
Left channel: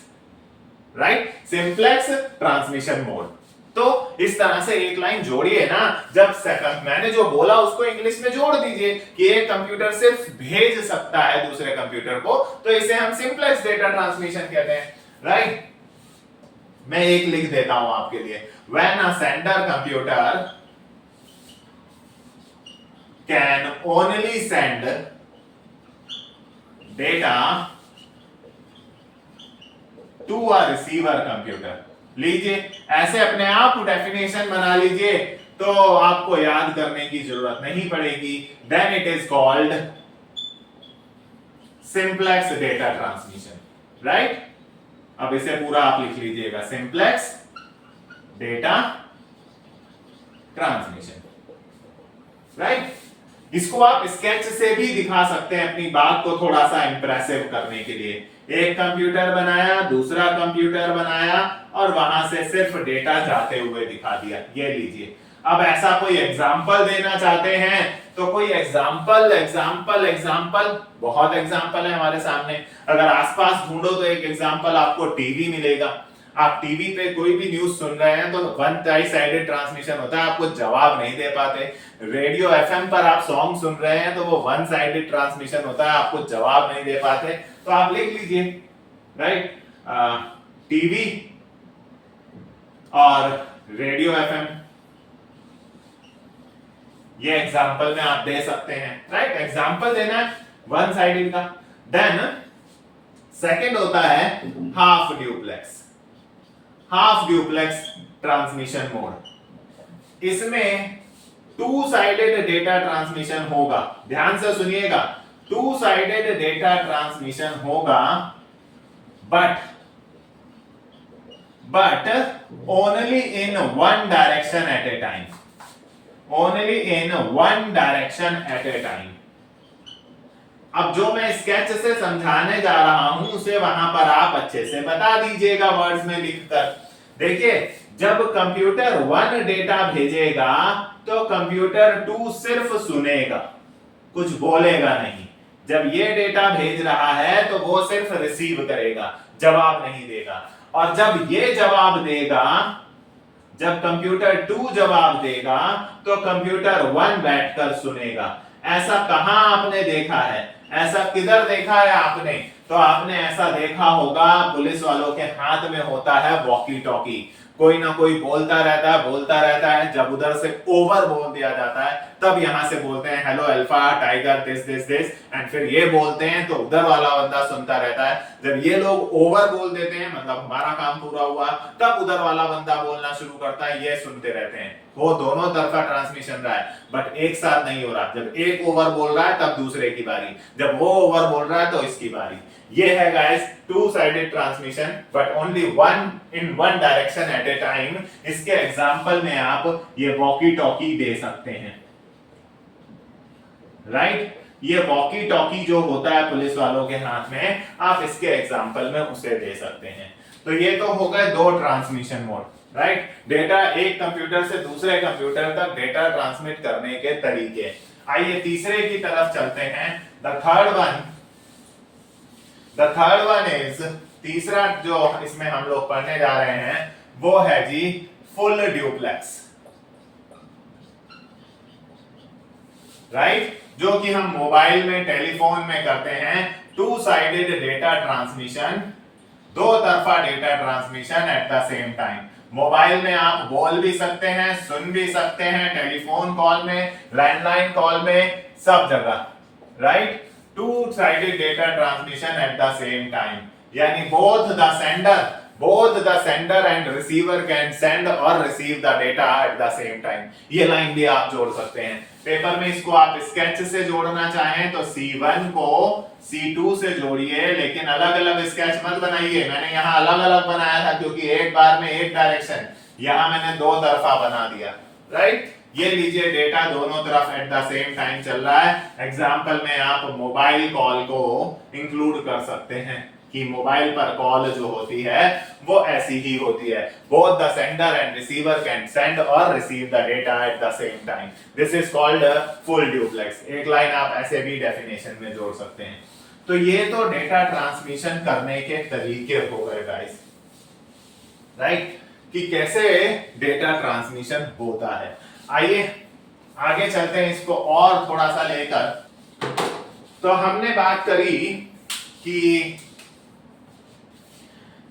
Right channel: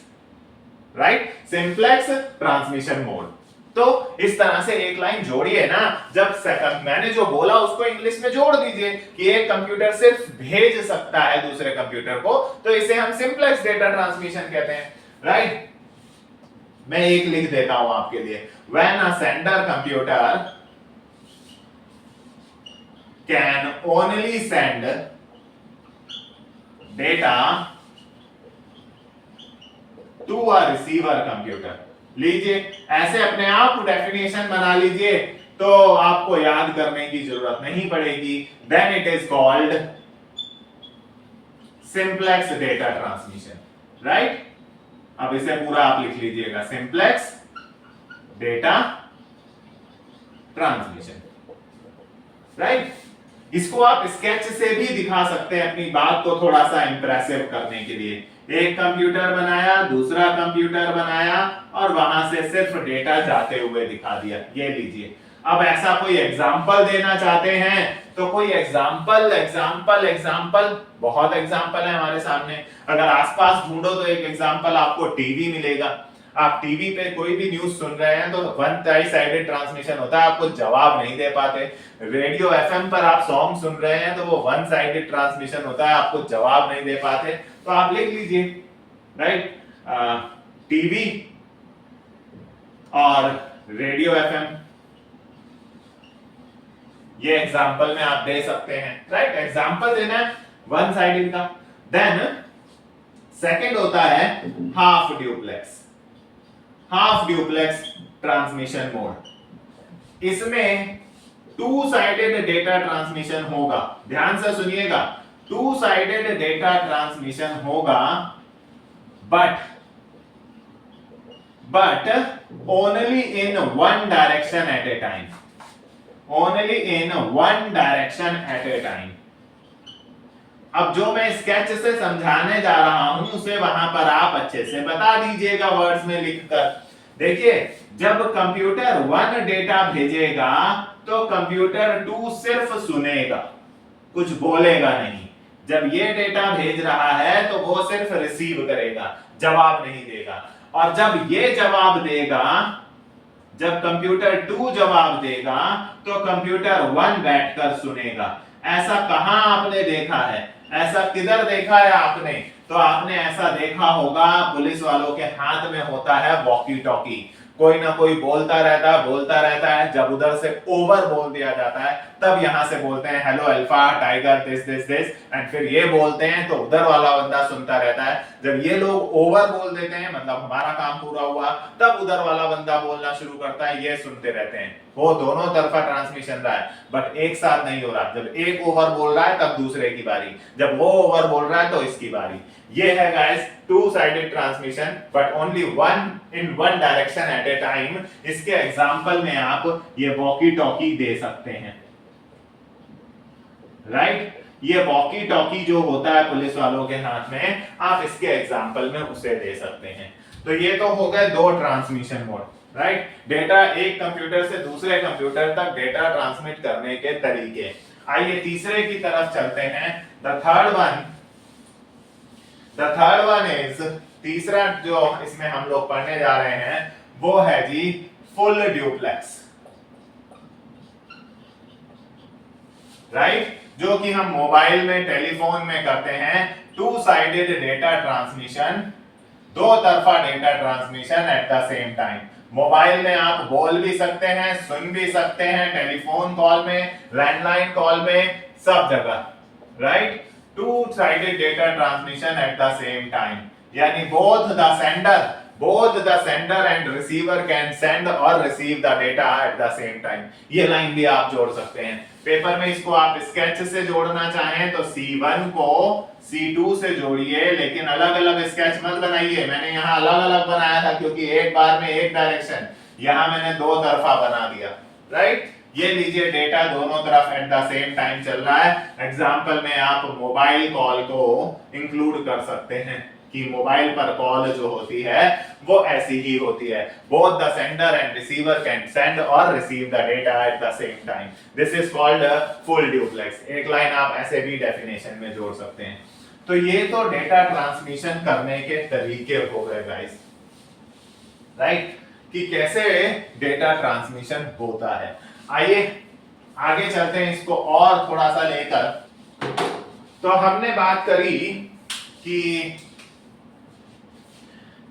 right, simplex transmission mode. तो इस तरह से एक लाइन जोड़िए ना, जब मैंने जो बोला उसको इंग्लिश में जोड़ दीजिए कि एक कंप्यूटर सिर्फ भेज सकता है दूसरे कंप्यूटर को, तो इसे हम सिंप्लेक्स डेटा ट्रांसमिशन कहते हैं, राइट। मैं एक लिख देता हूं आपके लिए, when a sender computer can only send data to a receiver computer. लीजिए ऐसे अपने आप डेफिनेशन बना लीजिए तो आपको याद करने की जरूरत नहीं पड़ेगी। Then it is called simplex data transmission, right. अब इसे पूरा आप लिख लीजिएगा, सिंप्लेक्स डेटा ट्रांसमिशन, राइट। इसको आप स्केच से भी दिखा सकते हैं अपनी बात को थोड़ा सा इंप्रेसिव करने के लिए। एक कंप्यूटर बनाया, दूसरा कंप्यूटर बनाया और वहां से सिर्फ डेटा जाते हुए दिखा दिया, ये लीजिए। अब ऐसा कोई एग्जाम्पल देना चाहते हैं तो कोई एग्जाम्पल एग्जाम्पल एग्जाम्पल, बहुत एग्जाम्पल है हमारे सामने। अगर आसपास ढूंढो तो एक एग्जाम्पल आपको टीवी मिलेगा। आप टीवी पे कोई भी न्यूज सुन रहे हैं तो वन साइडेड ट्रांसमिशन होता है, आपको जवाब नहीं दे पाते। रेडियो एफएम पर आप सॉन्ग सुन रहे हैं तो वो वन साइडेड ट्रांसमिशन होता है, आपको जवाब नहीं दे पाते। तो आप लिख लीजिए, राइट, टीवी और रेडियो एफएम, ये एग्जांपल में आप दे सकते हैं, राइट। एग्जांपल देना है वन साइडेड का। देन सेकंड होता है half duplex. Half duplex transmission mode, इसमें टू साइडेड डेटा ट्रांसमिशन होगा। ध्यान से सुनिएगा, टू साइडेड डेटा ट्रांसमिशन होगा, but only in one direction at a time, only in one direction at a time. अब जो मैं स्केच से समझाने जा रहा हूं उसे वहां पर आप अच्छे से बता दीजिएगा वर्ड्स में लिखकर। देखिए, जब कंप्यूटर वन डेटा भेजेगा तो कंप्यूटर टू सिर्फ सुनेगा, कुछ बोलेगा नहीं। जब ये डेटा भेज रहा है तो वो सिर्फ रिसीव करेगा, जवाब नहीं देगा। और जब ये जवाब देगा, जब कंप्यूटर टू जवाब देगा तो कंप्यूटर वन बैठकर सुनेगा। ऐसा कहां आपने देखा है, ऐसा किधर देखा है आपने? तो आपने ऐसा देखा होगा, पुलिस वालों के हाथ में होता है वॉकी टॉकी, कोई ना कोई बोलता रहता है। जब उधर से ओवर बोल दिया जाता है तब यहां से बोलते हैं hello alpha tiger this this this, and फिर ये बोलते हैं तो उधर वाला बंदा सुनता रहता है। जब ये लोग ओवर बोल देते हैं मतलब हमारा काम पूरा हुआ, तब उधर वाला बंदा बोलना शुरू करता है, ये सुनते रहते हैं। वो दोनों तरफा ट्रांसमिशन रहा है, बट एक साथ नहीं हो रहा। जब एक ओवर बोल रहा है तब दूसरे की बारी, जब वो ओवर बोल रहा है तो इसकी बारी। ये है guys two sided transmission, but only one in one direction at a time. इसके एग्जांपल में आप ये वॉकी टॉकी दे सकते हैं, राइट। ये वॉकी टॉकी जो होता है पुलिस वालों के हाथ में, आप इसके एग्जांपल में उसे दे सकते हैं। तो ये तो हो गए दो ट्रांसमिशन मोड, राइट। डेटा एक कंप्यूटर से दूसरे कंप्यूटर तक डेटा ट्रांसमिट करने के तरीके। आइए तीसरे की तरफ चलते हैं। द थर्ड वन इज, तीसरा जो इसमें हम लोग पढ़ने जा रहे हैं वो है जी फुल ड्यूप्लेक्स, राइट। जो कि हम मोबाइल में, टेलीफोन में करते हैं, टू साइडेड डेटा ट्रांसमिशन, दो तरफा data transmission eight the same time. Mobile में आप बोल भी सकते हैं, सुन भी सकते हैं, टेलीफोन कॉल में, लैंडलाइन कॉल में, सब जगह, right. To sided data transmission eight the same time, यानी both the sender and receiver can send or receive the data at the same time। ये लाइन भी आप जोड़ सकते हैं पेपर में। इसको आप स्केच से जोड़ना चाहें तो C1 को C2 से जोड़िए, लेकिन अलग अलग स्केच मत बनाइए। मैंने यहाँ अलग अलग बनाया था क्योंकि एक बार में एक डायरेक्शन, यहाँ मैंने दो तरफा बना दिया, राइट। ये लीजिए डेटा दोनों तरफ एट द सेम टाइम चल रहा है। एग्जांपल में आप मोबाइल कॉल को इंक्लूड कर सकते हैं कि मोबाइल पर कॉल जो होती है वो ऐसी ही होती है। Both the sender and receiver can send और receive the data at the same time. This is called full duplex. एक लाइन आप ऐसे भी डेफिनेशन में जोड़ सकते हैं। तो ये तो डेटा ट्रांसमिशन करने के तरीके हो गए गाइस, राइट, कि कैसे डेटा ट्रांसमिशन होता है। आइए आगे चलते हैं इसको और थोड़ा सा लेकर। तो हमने बात करी कि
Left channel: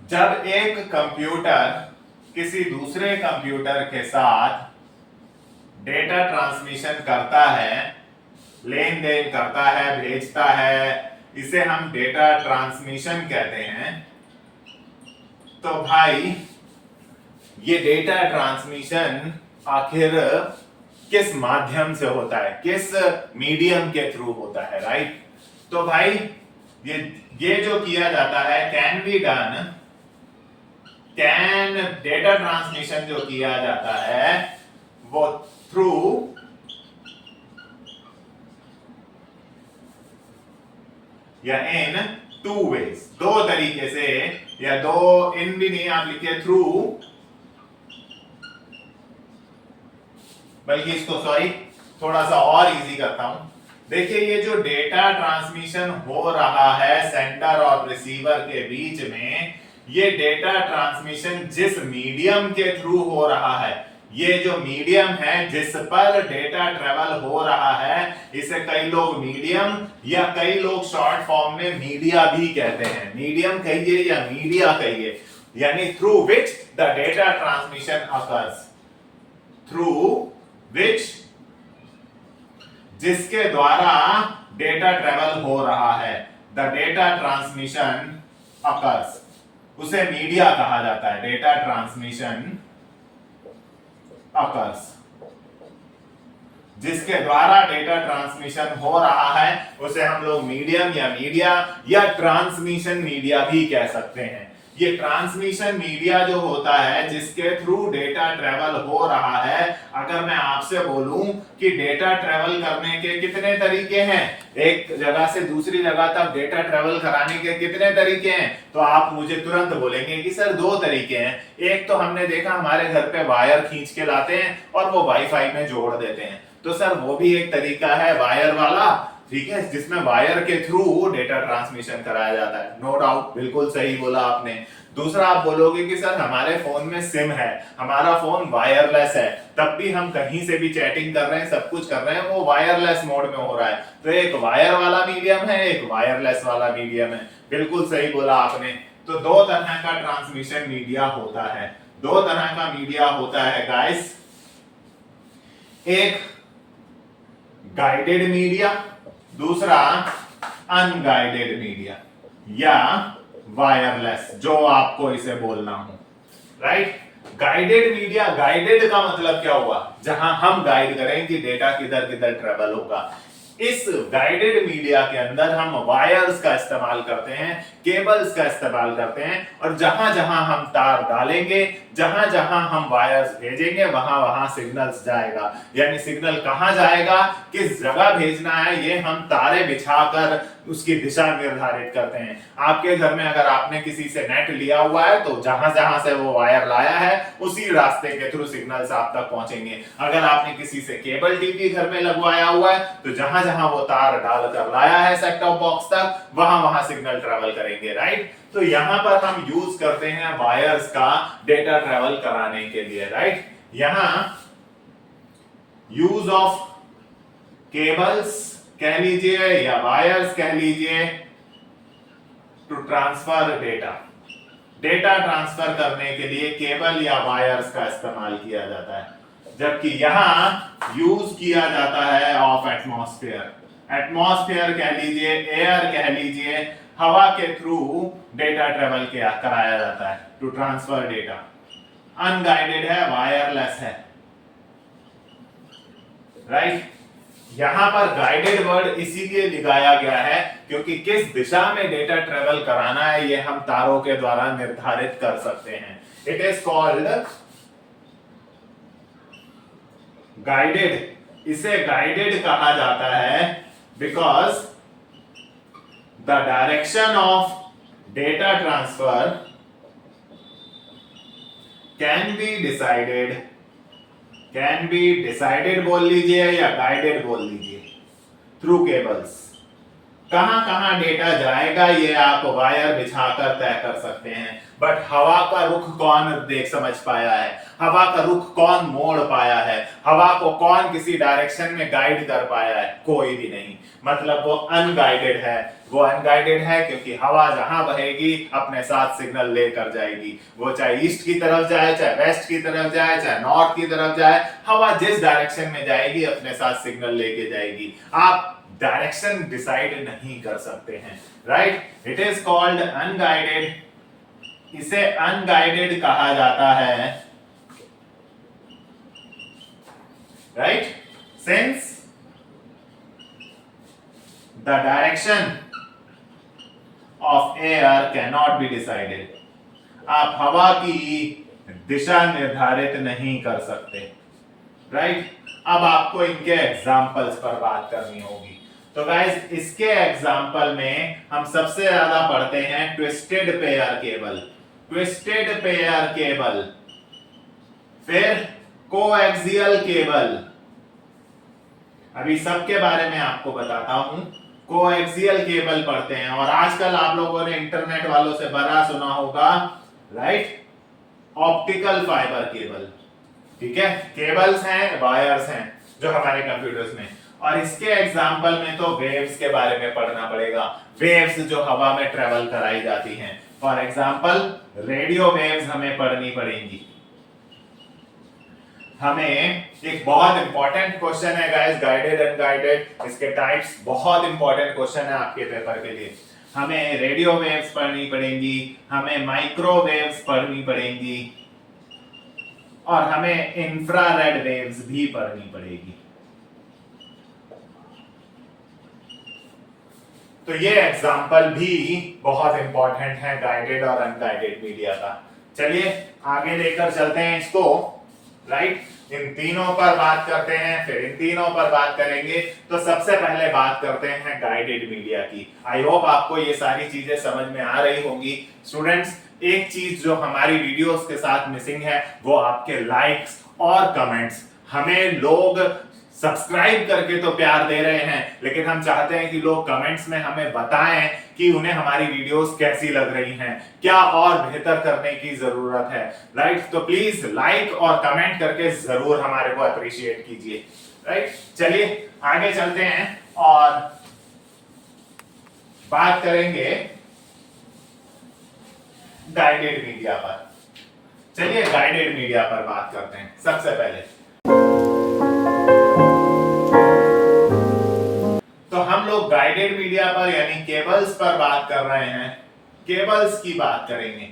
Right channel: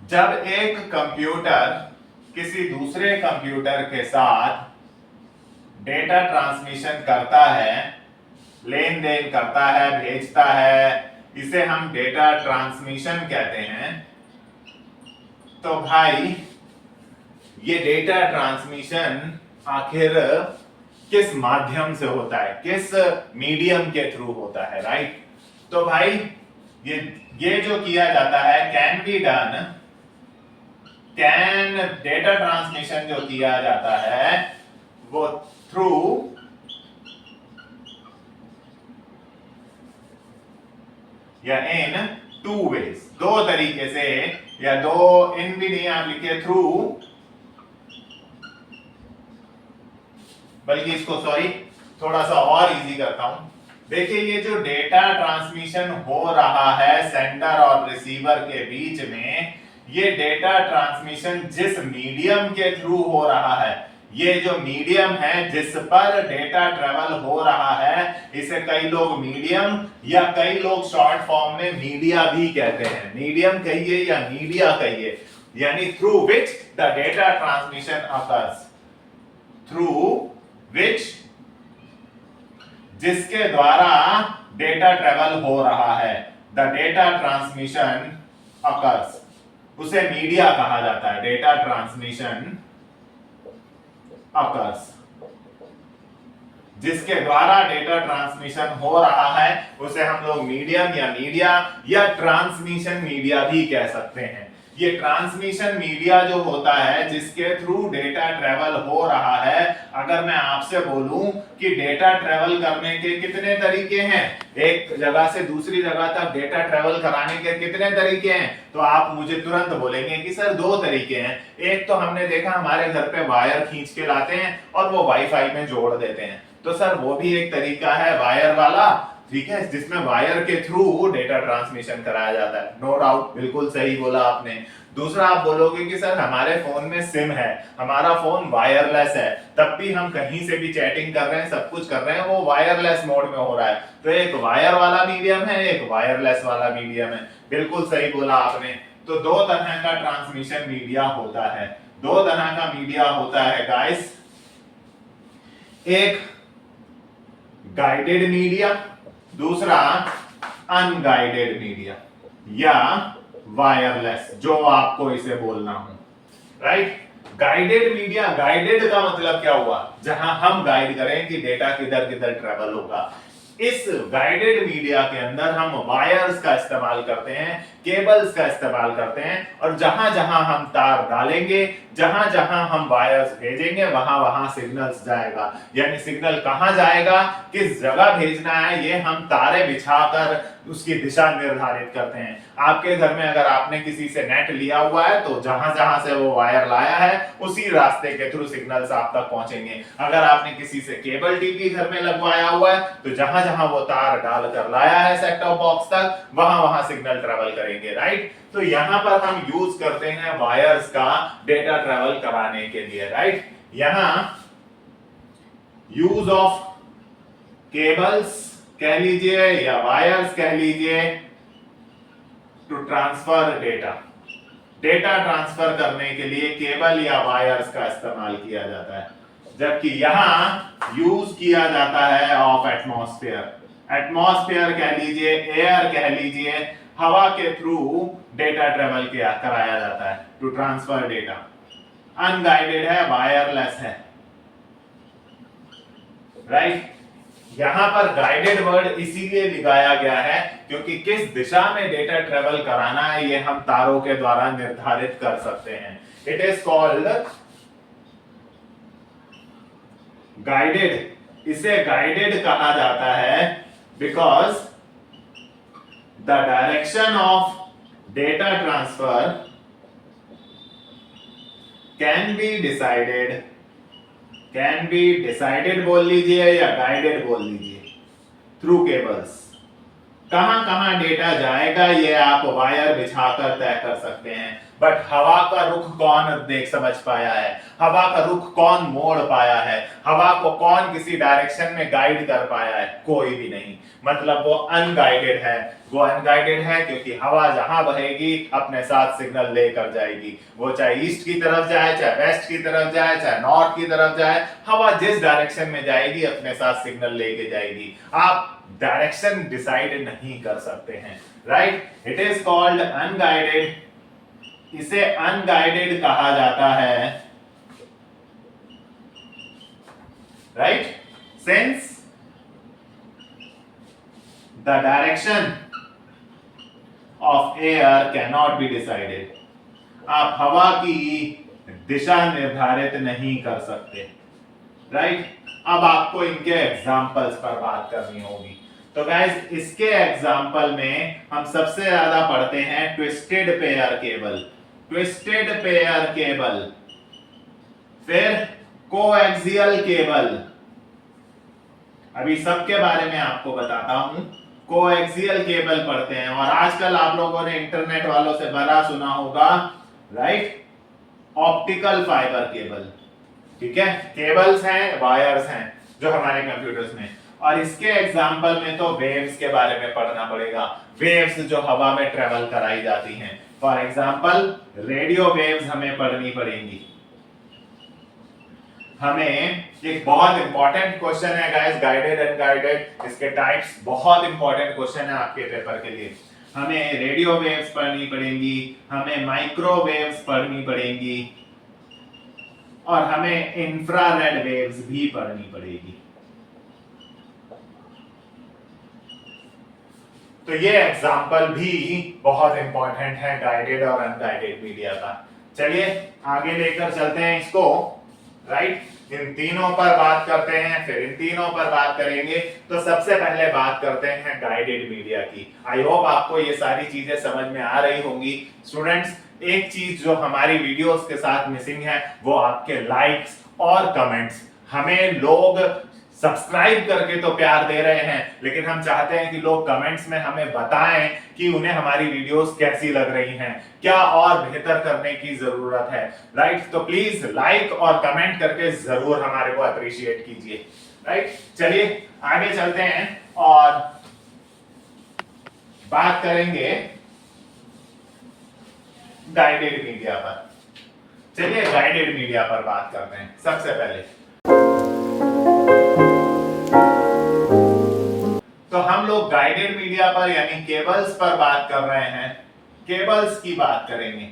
जब एक कंप्यूटर किसी दूसरे कंप्यूटर के साथ डेटा ट्रांसमिशन करता है, लेन देन करता है, भेजता है, इसे हम डेटा ट्रांसमिशन कहते हैं। तो भाई ये डेटा ट्रांसमिशन आखिर किस माध्यम से होता है, किस मीडियम के थ्रू होता है, राइट। तो भाई ये जो किया जाता है कैन डेटा ट्रांसमिशन जो किया जाता है वो थ्रू या इन टू वेज, दो तरीके से, या दो इन भी नहीं आप लिखिए थ्रू, बल्कि इसको सॉरी थोड़ा सा और इजी करता हूं। देखिए ये जो डेटा ट्रांसमिशन हो रहा है सेंडर और रिसीवर के बीच में, ये डेटा ट्रांसमिशन जिस मीडियम के थ्रू हो रहा है, ये जो मीडियम है जिस पर डेटा ट्रेवल हो रहा है, इसे कई लोग मीडियम या कई लोग शॉर्ट फॉर्म में मीडिया भी कहते हैं। मीडियम कहिए या मीडिया कहिए, यानी through which the data transmission occurs, through which, जिसके द्वारा डेटा ट्रेवल हो रहा है, द डेटा ट्रांसमिशन अकर्स, उसे मीडिया कहा जाता है। डेटा ट्रांसमिशन अकर्स, जिसके द्वारा डेटा ट्रांसमिशन हो रहा है, उसे हम लोग मीडियम या मीडिया या ट्रांसमिशन मीडिया भी कह सकते हैं। ये ट्रांसमिशन मीडिया जो होता है जिसके थ्रू डेटा ट्रेवल हो रहा है, अगर मैं आपसे बोलूं कि डेटा ट्रेवल करने के कितने तरीके हैं, एक जगह से दूसरी जगह तक डेटा ट्रेवल कराने के कितने तरीके हैं, तो आप मुझे तुरंत बोलेंगे कि सर दो तरीके हैं। एक तो हमने देखा हमारे घर पे वायर खींच के लाते हैं और वो वाईफाई में जोड़ देते हैं, तो सर वो भी एक तरीका है वायर वाला, ठीक है, जिसमें वायर के थ्रू डेटा ट्रांसमिशन कराया जाता है। नो डाउट, बिल्कुल सही बोला आपने। दूसरा आप बोलोगे कि सर हमारे फोन में सिम है, हमारा फोन वायरलेस है, तब भी हम कहीं से भी चैटिंग कर रहे हैं, सब कुछ कर रहे हैं, वो वायरलेस मोड में हो रहा है। तो एक वायर वाला मीडियम है, एक वायरलेस वाला मीडियम है। बिल्कुल सही बोला आपने। तो दो तरह का ट्रांसमिशन मीडिया होता है, दो तरह का मीडिया होता है गाइस। एक गाइडेड मीडिया, दूसरा अनगाइडेड मीडिया या वायरलेस, जो आपको इसे बोलना हो, राइट। गाइडेड मीडिया, गाइडेड का मतलब क्या हुआ, जहां हम गाइड करें कि डेटा किधर किधर ट्रेवल होगा। इस गाइडेड मीडिया के अंदर हम वायर्स का इस्तेमाल करते हैं, केबल्स का इस्तेमाल करते हैं, और जहां जहां हम तार डालेंगे, जहां जहां हम वायर्स भेजेंगे, वहां वहां सिग्नल्स जाएगा। यानी सिग्नल कहां जाएगा, किस जगह भेजना है, ये हम तारे बिछाकर उसकी दिशा निर्धारित करते हैं। आपके घर में अगर आपने किसी से नेट लिया हुआ है तो जहां जहां से वो वायर लाया है उसी रास्ते के थ्रू सिग्नल्स आप तक पहुंचेंगे। अगर आपने किसी से केबल टीवी घर में लगवाया हुआ है तो जहां जहां वो तार डालकर लाया है सेट टॉप बॉक्स तक वहां वहां सिग्नल ट्रेवल करेंगे, राइट। तो यहां पर हम यूज करते हैं वायर्स का डेटा ट्रेवल कराने के लिए, राइट। यहां यूज ऑफ केबल्स कह लीजिए या वायर्स कह लीजिए to transfer data. Data transfer करने के लिए केबल या वायर्स का इस्तेमाल किया जाता है, जबकि यहां यूज किया जाता है ऑफ एटमॉस्फेयर। एटमॉस्फेयर कह लीजिए, एयर कह लीजिए, हवा के थ्रू डेटा ट्रेवल किया कराया जाता है टू ट्रांसफर डेटा। अनगाइडेड है, वायरलेस है, राइट। यहां पर गाइडेड वर्ड इसीलिए दिखाया गया है क्योंकि किस दिशा में डेटा ट्रेवल कराना है ये हम तारों के द्वारा निर्धारित कर सकते हैं। It is called guided. इसे गाइडेड कहा जाता है because the direction of data transfer can be decided बोल लीजिए या गाइडेड बोल लीजिए थ्रू केबल्स। कहां कहां डेटा जाएगा ये आप वायर बिछाकर तय कर सकते हैं, बट हवा का रुख कौन देख समझ पाया है, हवा का रुख कौन मोड़ पाया है, हवा को कौन किसी डायरेक्शन में गाइड कर पाया है, कोई भी नहीं। मतलब वो अनगाइडेड है। वो अनगाइडेड है क्योंकि हवा जहां बहेगी अपने साथ सिग्नल लेकर जाएगी। वो चाहे ईस्ट की तरफ जाए, चाहे वेस्ट की तरफ जाए, चाहे नॉर्थ की तरफ जाए, हवा जिस डायरेक्शन में जाएगी अपने साथ सिग्नल लेके जाएगी। आप डायरेक्शन डिसाइड नहीं कर सकते हैं, right. It is called unguided. इसे अनगाइडेड कहा जाता है, right, since the direction of air can not be decided. आप हवा की दिशा निर्धारित नहीं कर सकते, राइट। अब आपको इनके एग्जाम्पल्स पर बात करनी होगी। तो गाइस इसके एग्जाम्पल में हम सबसे ज्यादा पढ़ते हैं twisted pair cable, twisted pair cable, फिर कोएक्सियल केबल। अभी सबके बारे में आपको बताता हूं। कोएक्सियल केबल पढ़ते हैं और आजकल आप लोगों ने इंटरनेट वालों से बड़ा सुना होगा, राइट, ऑप्टिकल फाइबर केबल। ठीक है, केबल्स हैं, वायर्स हैं जो हमारे कंप्यूटर्स में, और इसके एग्जाम्पल में तो वेव्स के बारे में पढ़ना पड़ेगा। वेव्स जो हवा में ट्रेवल कराई जाती हैं, फॉर एग्जाम्पल रेडियो वेव्स हमें पढ़नी पड़ेंगी। हमें एक बहुत इंपॉर्टेंट क्वेश्चन है गाइस, गाइडेड अनगाइडेड, इसके टाइप्स बहुत इंपॉर्टेंट क्वेश्चन है आपके पेपर के लिए। हमें रेडियो वेव्स पढ़नी पड़ेंगी, हमें माइक्रोवेव्स पढ़नी पड़ेंगी, और हमें इंफ्रारेड वेव्स भी पढ़नी पड़ेगी। तो ये एग्जाम्पल भी बहुत इंपॉर्टेंट है गाइडेड और अनगाइडेड मीडिया का। चलिए आगे लेकर चलते हैं इसको, राइट। इन तीनों पर बात करते हैं, फिर इन तीनों पर बात करेंगे। तो सबसे पहले बात करते हैं गाइडेड मीडिया की। आई होप आपको ये सारी चीजें समझ में आ रही होंगी। स्टूडेंट्स, एक चीज जो हमारी वीडियोस के साथ मिसिंग है वो आपके लाइक्स और कमेंट्स। हमें लोग सब्सक्राइब करके तो प्यार दे रहे हैं, लेकिन हम चाहते हैं कि लोग कमेंट्स में हमें बताएं कि उन्हें हमारी वीडियोस कैसी लग रही हैं, क्या और बेहतर करने की जरूरत है, राइट। तो प्लीज लाइक और कमेंट करके जरूर हमारे को अप्रिशिएट कीजिए, राइट। चलिए आगे चलते हैं और बात करेंगे गाइडेड मीडिया पर। चलिए गाइडेड मीडिया पर बात करते हैं। सबसे पहले तो हम लोग गाइडेड मीडिया पर यानी केबल्स पर बात कर रहे हैं। केबल्स की बात करेंगे,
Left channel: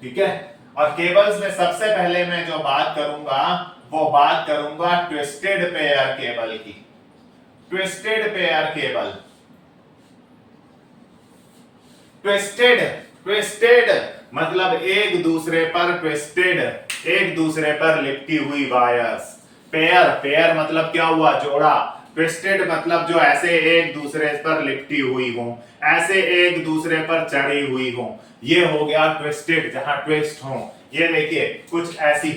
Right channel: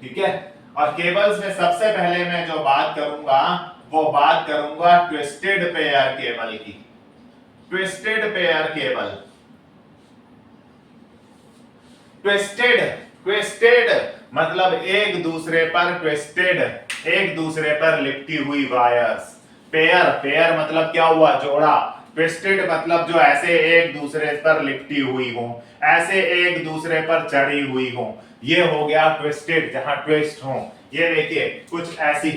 ठीक है। और केबल्स में सबसे पहले मैं जो बात करूंगा वो बात करूंगा ट्विस्टेड पेयर केबल की। ट्विस्टेड पेयर केबल, ट्विस्टेड मतलब एक दूसरे पर ट्विस्टेड, एक दूसरे पर लिपटी हुई वायर्स। पेयर मतलब क्या हुआ, जोड़ा। ट्विस्टेड मतलब जो ऐसे एक दूसरे पर लिपटी हुई हो, ऐसे एक दूसरे पर चढ़ी हुई हो, ये हो गया ट्विस्टेड, जहां ट्विस्ट हो। ये देखिए कुछ ऐसी,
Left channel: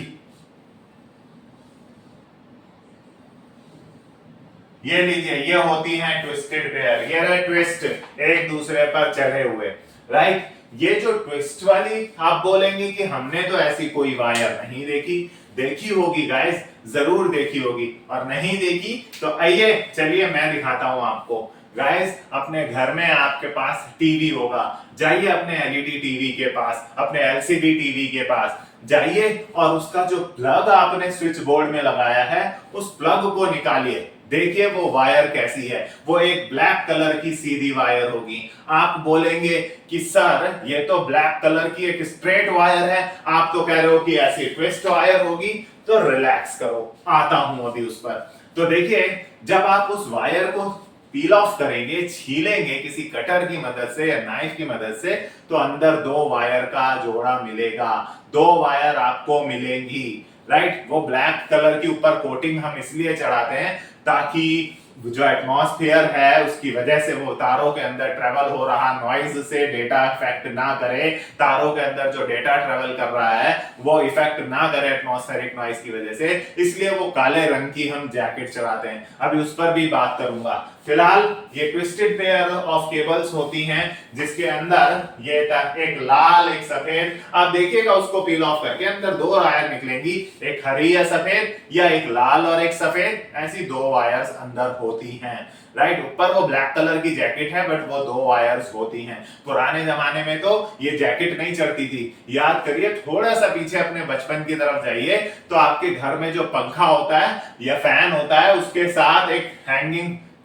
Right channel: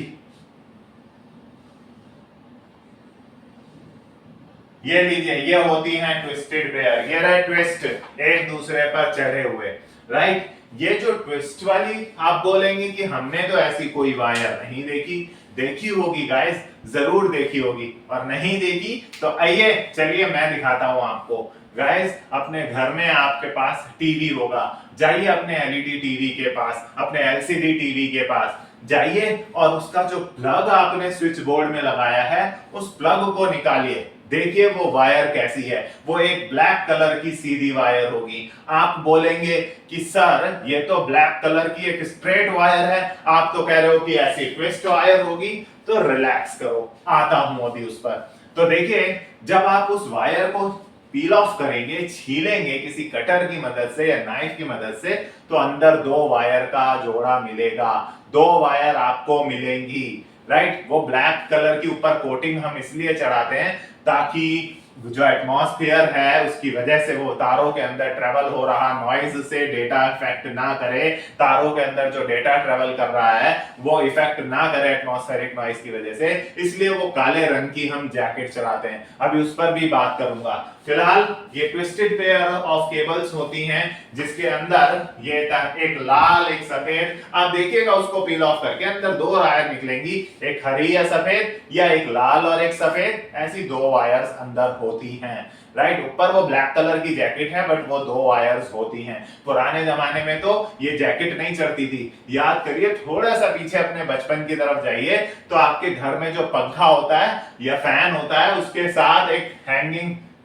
ये लीजिए ये होती हैं ट्विस्टेड पेयर। ये रहे ट्विस्ट, एक दूसरे पर चढ़े हुए, राइट। ये जो ट्विस्ट वाली आप बोलेंगे कि हमने तो ऐसी कोई वायर नहीं देखी। देखी होगी गाइस, जरूर देखी होगी, और नहीं देखी तो आइए चलिए मैं दिखाता हूं आपको। गाइस अपने घर में आपके पास टीवी होगा, जाइए अपने एलईडी टीवी के पास, अपने एलसीडी टीवी के पास जाइए, और उसका जो प्लग आपने स्विच बोर्ड में लगाया है उस प्लग को निकालिए। देखिए वो वायर कैसी है, वो एक ब्लैक कलर की सीधी वायर होगी। आप बोलेंगे कि सर ये तो ब्लैक कलर की एक स्ट्रेट वायर है, आप तो कह रहे हो कि ऐसी ट्विस्ट वायर होगी। तो रिलैक्स करो, आता हूं अभी उस पर। तो देखिए जब आप उस वायर को पील ऑफ करेंगे, छीलेंगे किसी कटर की मदद से या नाइफ की मदद से, तो अंदर दो वायर का जोड़ा मिलेगा, दो वायर आपको मिलेंगी, राइट। वो ब्लैक कलर की ऊपर कोटिंग हम इसलिए चढ़ाते हैं ताकि जो एटमॉस्फेयर है उसकी वजह से वो तारों के अंदर ट्रेवल हो रहा नॉइज से डेटा इफेक्ट ना करे, तारों के अंदर जो डेटा ट्रेवल कर रहा है वो इफेक्ट ना करे एटमॉस्फेरिक नॉइज की वजह से, इसलिए वो काले रंग की हम जैकेट चलाते हैं। अभी उस पर भी बात करूंगा। फिलहाल ये ट्विस्टेड पेयर ऑफ केबल्स होती हैं जिसके अंदर ये एक लाल एक सफेद, आप देखिएगा उसको पील ऑफ करके अंदर दो वायर निकलेंगी, एक हरी या सफेद या एक लाल और एक सफेद, ऐसी दो वायर्स अंदर होती हैं, राइट। ऊपर वो ब्लैक कलर की जैकेट है बट वो दो वायर्स होती हैं। पुराने जमाने में तो ये जैकेट नहीं चढ़ती थी। याद करिए, थोड़ा सा पीछे अपने बचपन की तरफ जाइए तो आपके घर में जो पंखा होता है या फैन होता है उसके साथ एक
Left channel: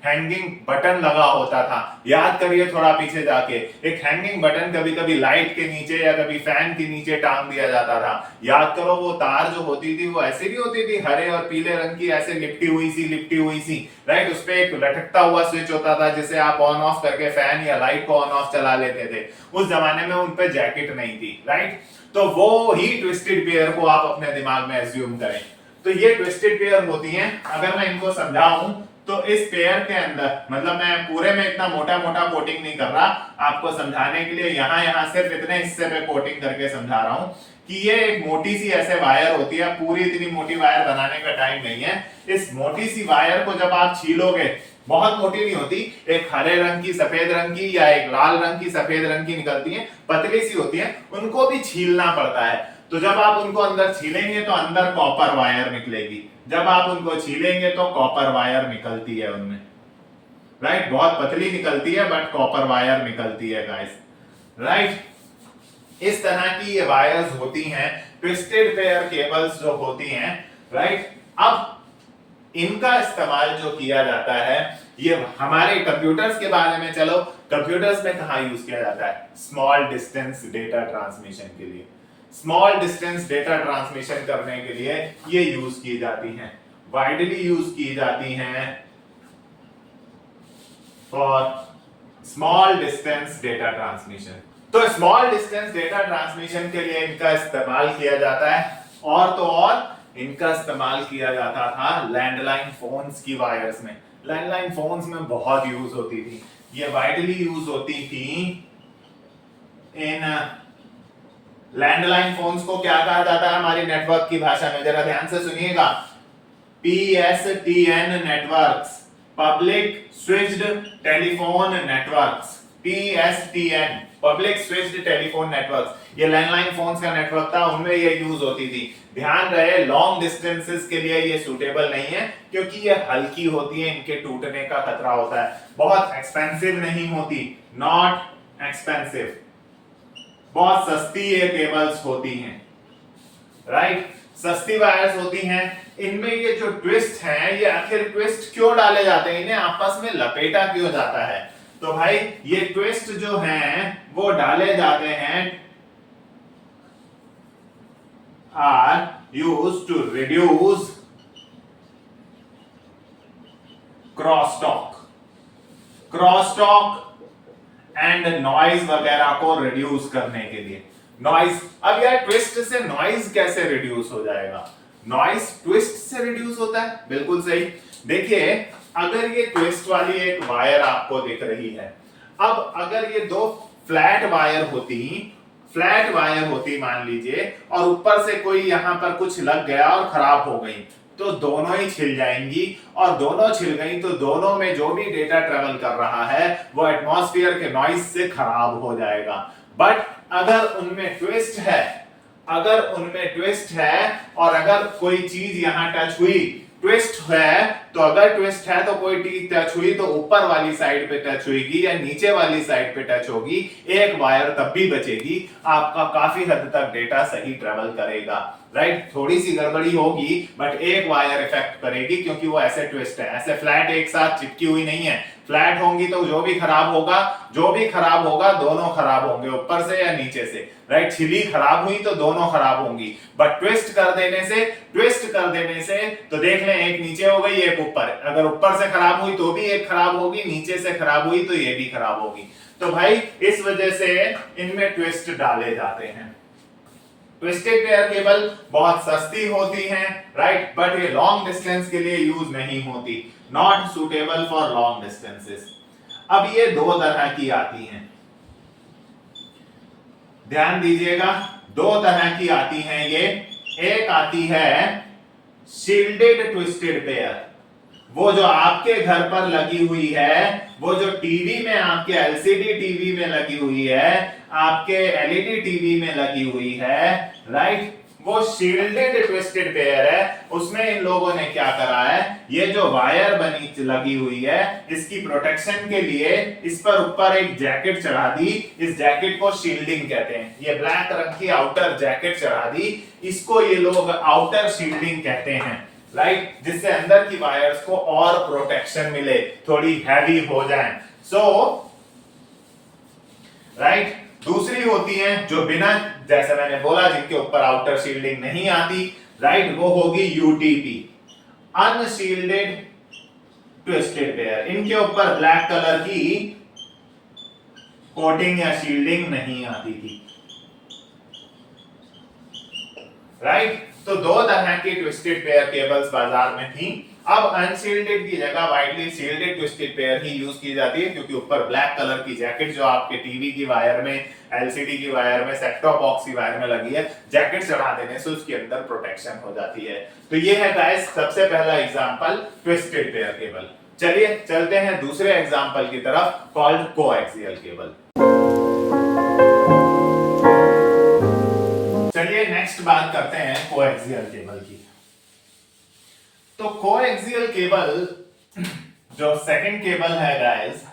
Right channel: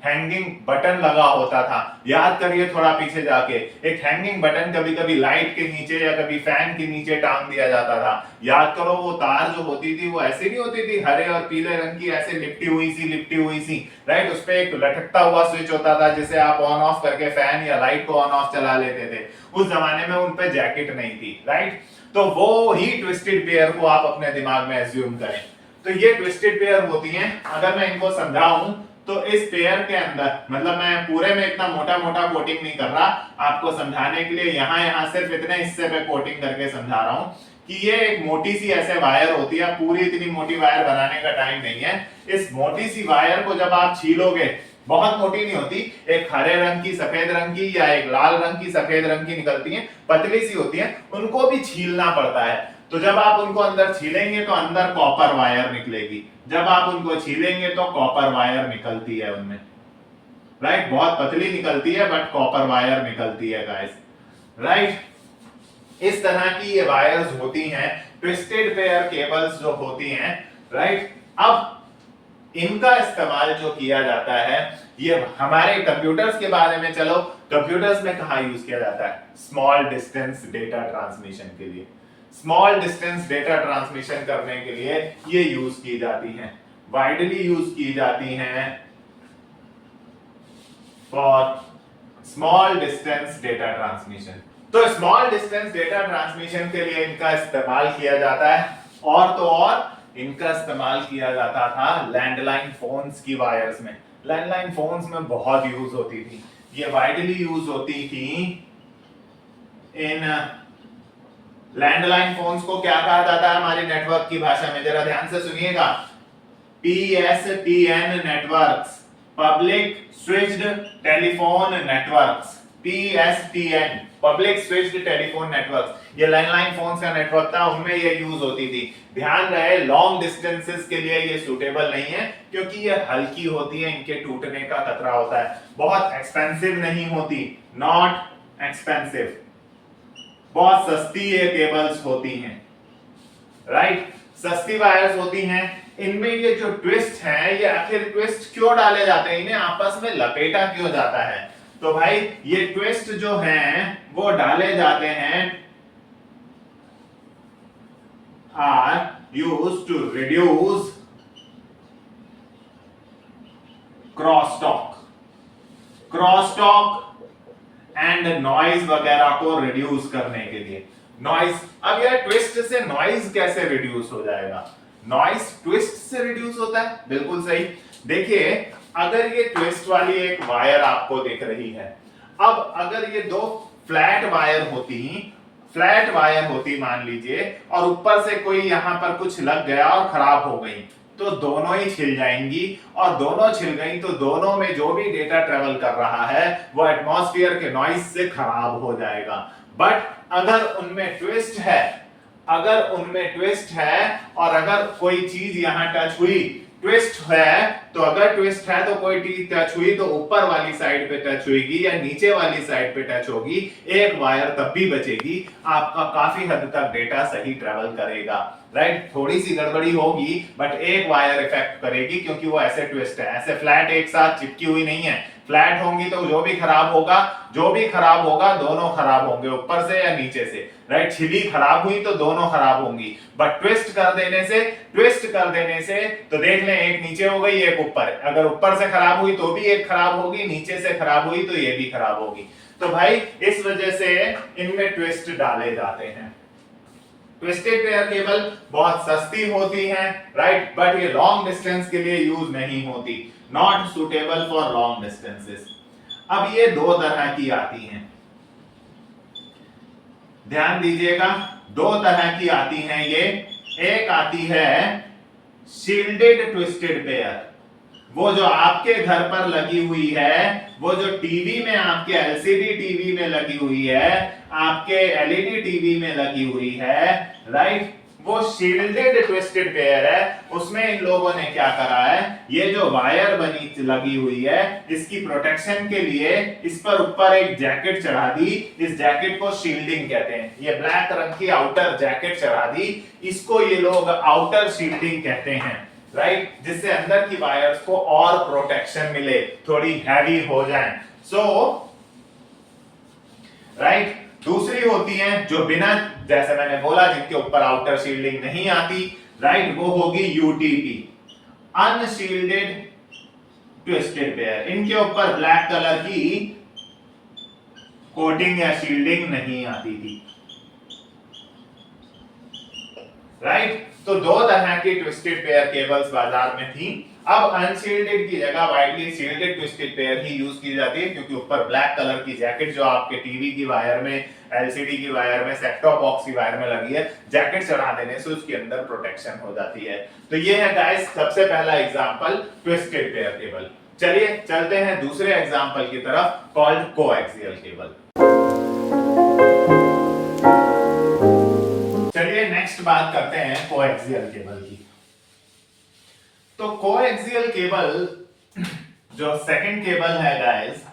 हैंगिंग बटन लगा होता था। याद करिए थोड़ा पीछे जाके, एक हैंगिंग बटन कभी कभी लाइट के नीचे या कभी फैन के नीचे टांग दिया जाता था। याद करो वो तार जो होती थी वो ऐसे नहीं होती थी, हरे और पीले रंग की, ऐसे लिपटी हुई सी, राइट। उस पे एक लटकता हुआ स्विच होता था जिसे आप ऑन ऑफ करके फैन या लाइट को ऑन ऑफ चला लेते थे। उस जमाने में उन पे जैकेट नहीं थी, राइट। तो वो ही ट्विस्टेड पेयर को आप अपने दिमाग में एज्यूम करें। तो ये ट्विस्टेड पेयर होती हैं। अगर मैं इनको समझाऊं तो इस पेयर के अंदर, मतलब मैं पूरे में इतना मोटा मोटा कोटिंग नहीं कर रहा, आपको समझाने के लिए यहां सिर्फ इतने हिस्से पे कोटिंग करके समझा रहा हूं कि ये एक मोटी सी ऐसे वायर होती है। पूरी इतनी मोटी वायर बनाने का टाइम नहीं है। इस मोटी सी वायर को जब आप छीलोगे, बहुत मोटी नहीं होती, एक हरे रंग की सफेद रंग की या एक लाल रंग की सफेद रंग की निकलती है, पतली सी होती है, उनको भी छीलना पड़ता है। तो जब आप उनको अंदर छीलेंगे तो अंदर कॉपर वायर निकलेगी, जब आप उनको छीलेंगे तो कॉपर वायर निकलती है उनमें, राइट। बहुत पतली निकलती है बट कॉपर वायर निकलती है गाइस, राइट। इस तरह की ये वायर्स होती हैं, ट्विस्टेड पेयर केबल्स जो होती हैं, राइट। अब इनका इस्तेमाल जो किया जाता है, ये हमारे कंप्यूटर्स के बारे में, चलो कंप्यूटर्स में कहां यूज किया जाता है, स्मॉल डिस्टेंस डेटा ट्रांसमिशन के लिए। स्मॉल डिस्टेंस डेटा ट्रांसमिशन करने के लिए ये यूज की जाती हैं, वाइडली यूज की जाती हैं for small distance data transmission. तो स्मॉल डिस्टेंस डेटा ट्रांसमिशन के लिए इनका इस्तेमाल किया जाता है, और तो और इनका इस्तेमाल किया जाता था लैंडलाइन फोन्स की वायर्स में। लैंडलाइन फोन्स में बहुत यूज होती थी, ये वाइडली यूज होती थी। इन लैंडलाइन फोन्स को क्या कहा जाता है हमारी नेटवर्क की भाषा में, जरा ध्यान से सुनिएगा, PSTN networks, public switched telephone networks. PSTN, public switched telephone networks, ये लैंडलाइन फोन्स का नेटवर्क था, उनमें ये यूज होती थी। ध्यान रहे लॉन्ग डिस्टेंसेस के लिए ये सूटेबल नहीं है क्योंकि ये हल्की होती है, इनके टूटने का खतरा होता है। बहुत एक्सपेंसिव नहीं होती, नॉट एक्सपेंसिव, बहुत सस्ती ये केबल्स होती हैं, राइट। सस्ती वायर्स होती हैं। इनमें ये जो ट्विस्ट हैं, ये आखिर ट्विस्ट क्यों डाले जाते हैं, इन्हें आपस में लपेटा क्यों जाता है? तो भाई ये ट्विस्ट जो हैं वो डाले जाते हैं, are used to reduce crosstalk and noise वगैरह को रिड्यूस करने के लिए। नॉइज, अब यार ट्विस्ट से नॉइज कैसे रिड्यूस हो जाएगा? नॉइज ट्विस्ट से रिड्यूस होता है, बिल्कुल सही। देखिए अगर ये ट्विस्ट वाली एक वायर आपको दिख रही है, अब अगर ये दो फ्लैट वायर होती मान लीजिए, और ऊपर से कोई यहां पर कुछ लग गया और खराब हो गई, तो दोनों ही छिल जाएंगी, और दोनों छिल गई तो दोनों में जो भी डेटा ट्रेवल कर रहा है वो एटमॉस्फेयर के नॉइज से खराब हो जाएगा। बट अगर उनमें ट्विस्ट है और अगर कोई चीज यहां टच हुई, ट्विस्ट है तो अगर ट्विस्ट है तो कोई चीज टच हुई तो ऊपर वाली साइड पे टच होगी या नीचे वाली साइड पे टच होगी, एक वायर तब भी बचेगी, आपका काफी हद तक डेटा सही ट्रेवल करेगा। राइट, थोड़ी सी गड़बड़ी होगी बट एक वायर इफेक्ट करेगी, क्योंकि वो ऐसे ट्विस्ट है, ऐसे फ्लैट एक साथ चिपकी हुई नहीं है। फ्लैट होंगी तो जो भी खराब होगा दोनों खराब होंगे, ऊपर से या नीचे से। राइट, छिली खराब हुई तो दोनों खराब होंगी, बट ट्विस्ट कर देने से तो देख लें, एक नीचे हो गई एक ऊपर, अगर ऊपर से खराब हुई तो भी एक खराब होगी, नीचे से खराब हुई तो ये भी खराब होगी। तो भाई इस वजह से इनमें ट्विस्ट डाले जाते हैं। ट्विस्टेड पेयर केबल बहुत सस्ती होती हैं, राइट, बट ये लॉन्ग डिस्टेंस के लिए यूज नहीं होती, not suitable for long distances. अब ये दो तरह की आती हैं, ध्यान दीजिएगा, दो तरह की आती हैं ये। एक आती है शील्डेड ट्विस्टेड पेयर, वो जो आपके घर पर लगी हुई है, वो जो टीवी में, आपके एलसीडी टीवी में लगी हुई है, आपके एलईडी टीवी में लगी हुई है, राइट, वो शील्डेड ट्विस्टेड पेयर है। उसमें इन लोगों ने क्या करा है, ये जो वायर बनी लगी हुई है, इसकी प्रोटेक्शन के लिए इस पर ऊपर एक जैकेट चढ़ा दी, इस जैकेट को शील्डिंग कहते हैं। ये ब्लैक रंग की आउटर जैकेट चढ़ा दी, इसको ये लोग आउटर शील्डिंग कहते हैं, राइट, जिससे अंदर की वायर्स को और प्रोटेक्शन मिले, थोड़ी हैवी हो जाए। राइट, दूसरी होती है जो बिना, जैसे मैंने बोला, जिनके ऊपर आउटर शील्डिंग नहीं आती, राइट, वो होगी यूटीपी, अनशील्डेड ट्विस्टेड पेयर। इनके ऊपर ब्लैक कलर की कोटिंग या शील्डिंग नहीं आती थी, राइट। तो दो तरह की ट्विस्टेड पेयर केबल्स बाजार में थी। अब अनशील्डेड की जगह वाइडली शील्डेड ट्विस्टेड पेयर ही यूज की जाती है, क्योंकि ऊपर ब्लैक कलर की जैकेट जो आपके टीवी की वायर में, एलसीडी की वायर में, सेट टॉप बॉक्स की वायर में लगी है, जैकेट चढ़ा देने से उसके अंदर प्रोटेक्शन हो जाती है। तो ये है गाइस सबसे पहला एग्जांपल ट्विस्टेड पेयर केबल। चलिए चलते हैं दूसरे एग्जांपल की तरफ, कॉल्ड कोएक्सियल केबल। चलिए नेक्स्ट बात करते हैं कोएक्सियल केबल की। तो कोएक्सियल केबल जो सेकंड केबल है गाइस,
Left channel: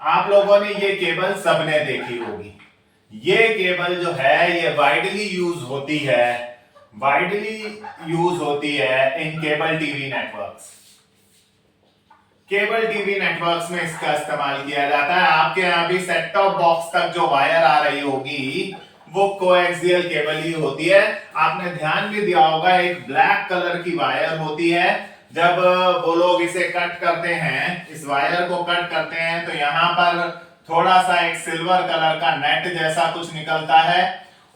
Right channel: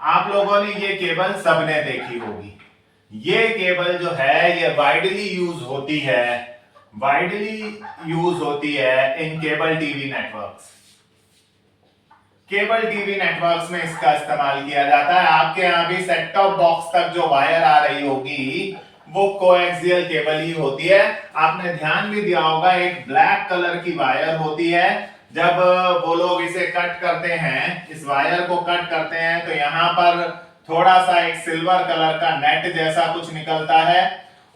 आप लोगों ने ये केबल सबने देखी होगी। ये केबल जो है ये वाइडली यूज होती है in cable TV networks. Cable TV networks में इसका इस्तेमाल किया जाता है। आपके यहां भी सेट टॉप बॉक्स तक जो वायर आ रही होगी वो कोएक्सियल केबल ही होती है। आपने ध्यान भी दिया होगा, एक ब्लैक कलर की वायर होती है, जब वो लोग इसे कट करते हैं, इस वायर को कट करते हैं, तो यहाँ पर थोड़ा सा एक सिल्वर कलर का नेट जैसा कुछ निकलता है।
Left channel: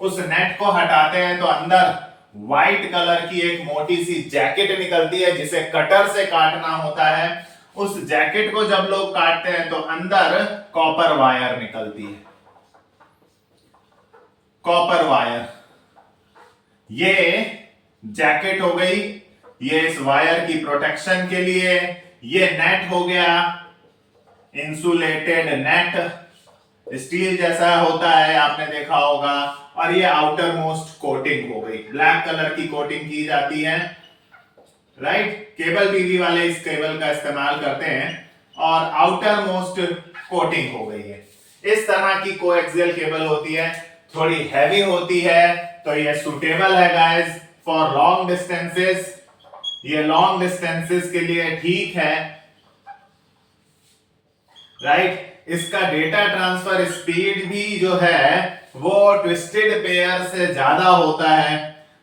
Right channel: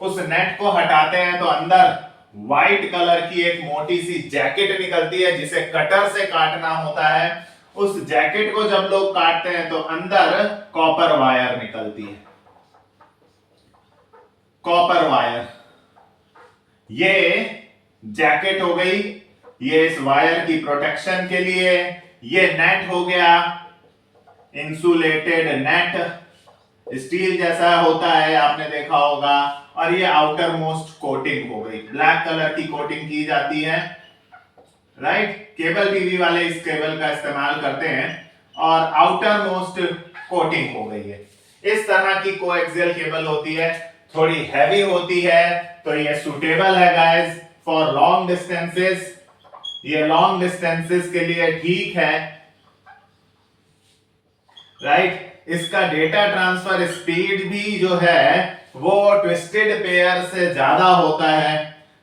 उस नेट को हटाते हैं तो अंदर व्हाइट कलर की एक मोटी सी जैकेट निकलती है, जिसे कटर से काटना होता है। उस जैकेट को जब लोग काटते हैं तो अंदर कॉपर वायर निकलती है, कॉपर वायर। ये जैकेट हो गई, ये इस वायर की प्रोटेक्शन के लिए। ये नेट हो गया, इंसुलेटेड नेट, स्टील जैसा होता है, आपने देखा होगा। और ये आउटर मोस्ट कोटिंग हो गई, ब्लैक कलर की कोटिंग की जाती है, राइट। केबल टीवी वाले इस केबल का इस्तेमाल करते हैं, और आउटर मोस्ट कोटिंग हो गई है। इस तरह की कोएक्सियल केबल होती है, थोड़ी हैवी होती है, तो ये सुटेबल है गाइस फॉर लॉन्ग डिस्टेंसेस। ये लॉन्ग डिस्टेंसेस के लिए ठीक है, राइट। इसका डेटा ट्रांसफर स्पीड भी जो है वो ट्विस्टेड पेयर से ज्यादा होता है,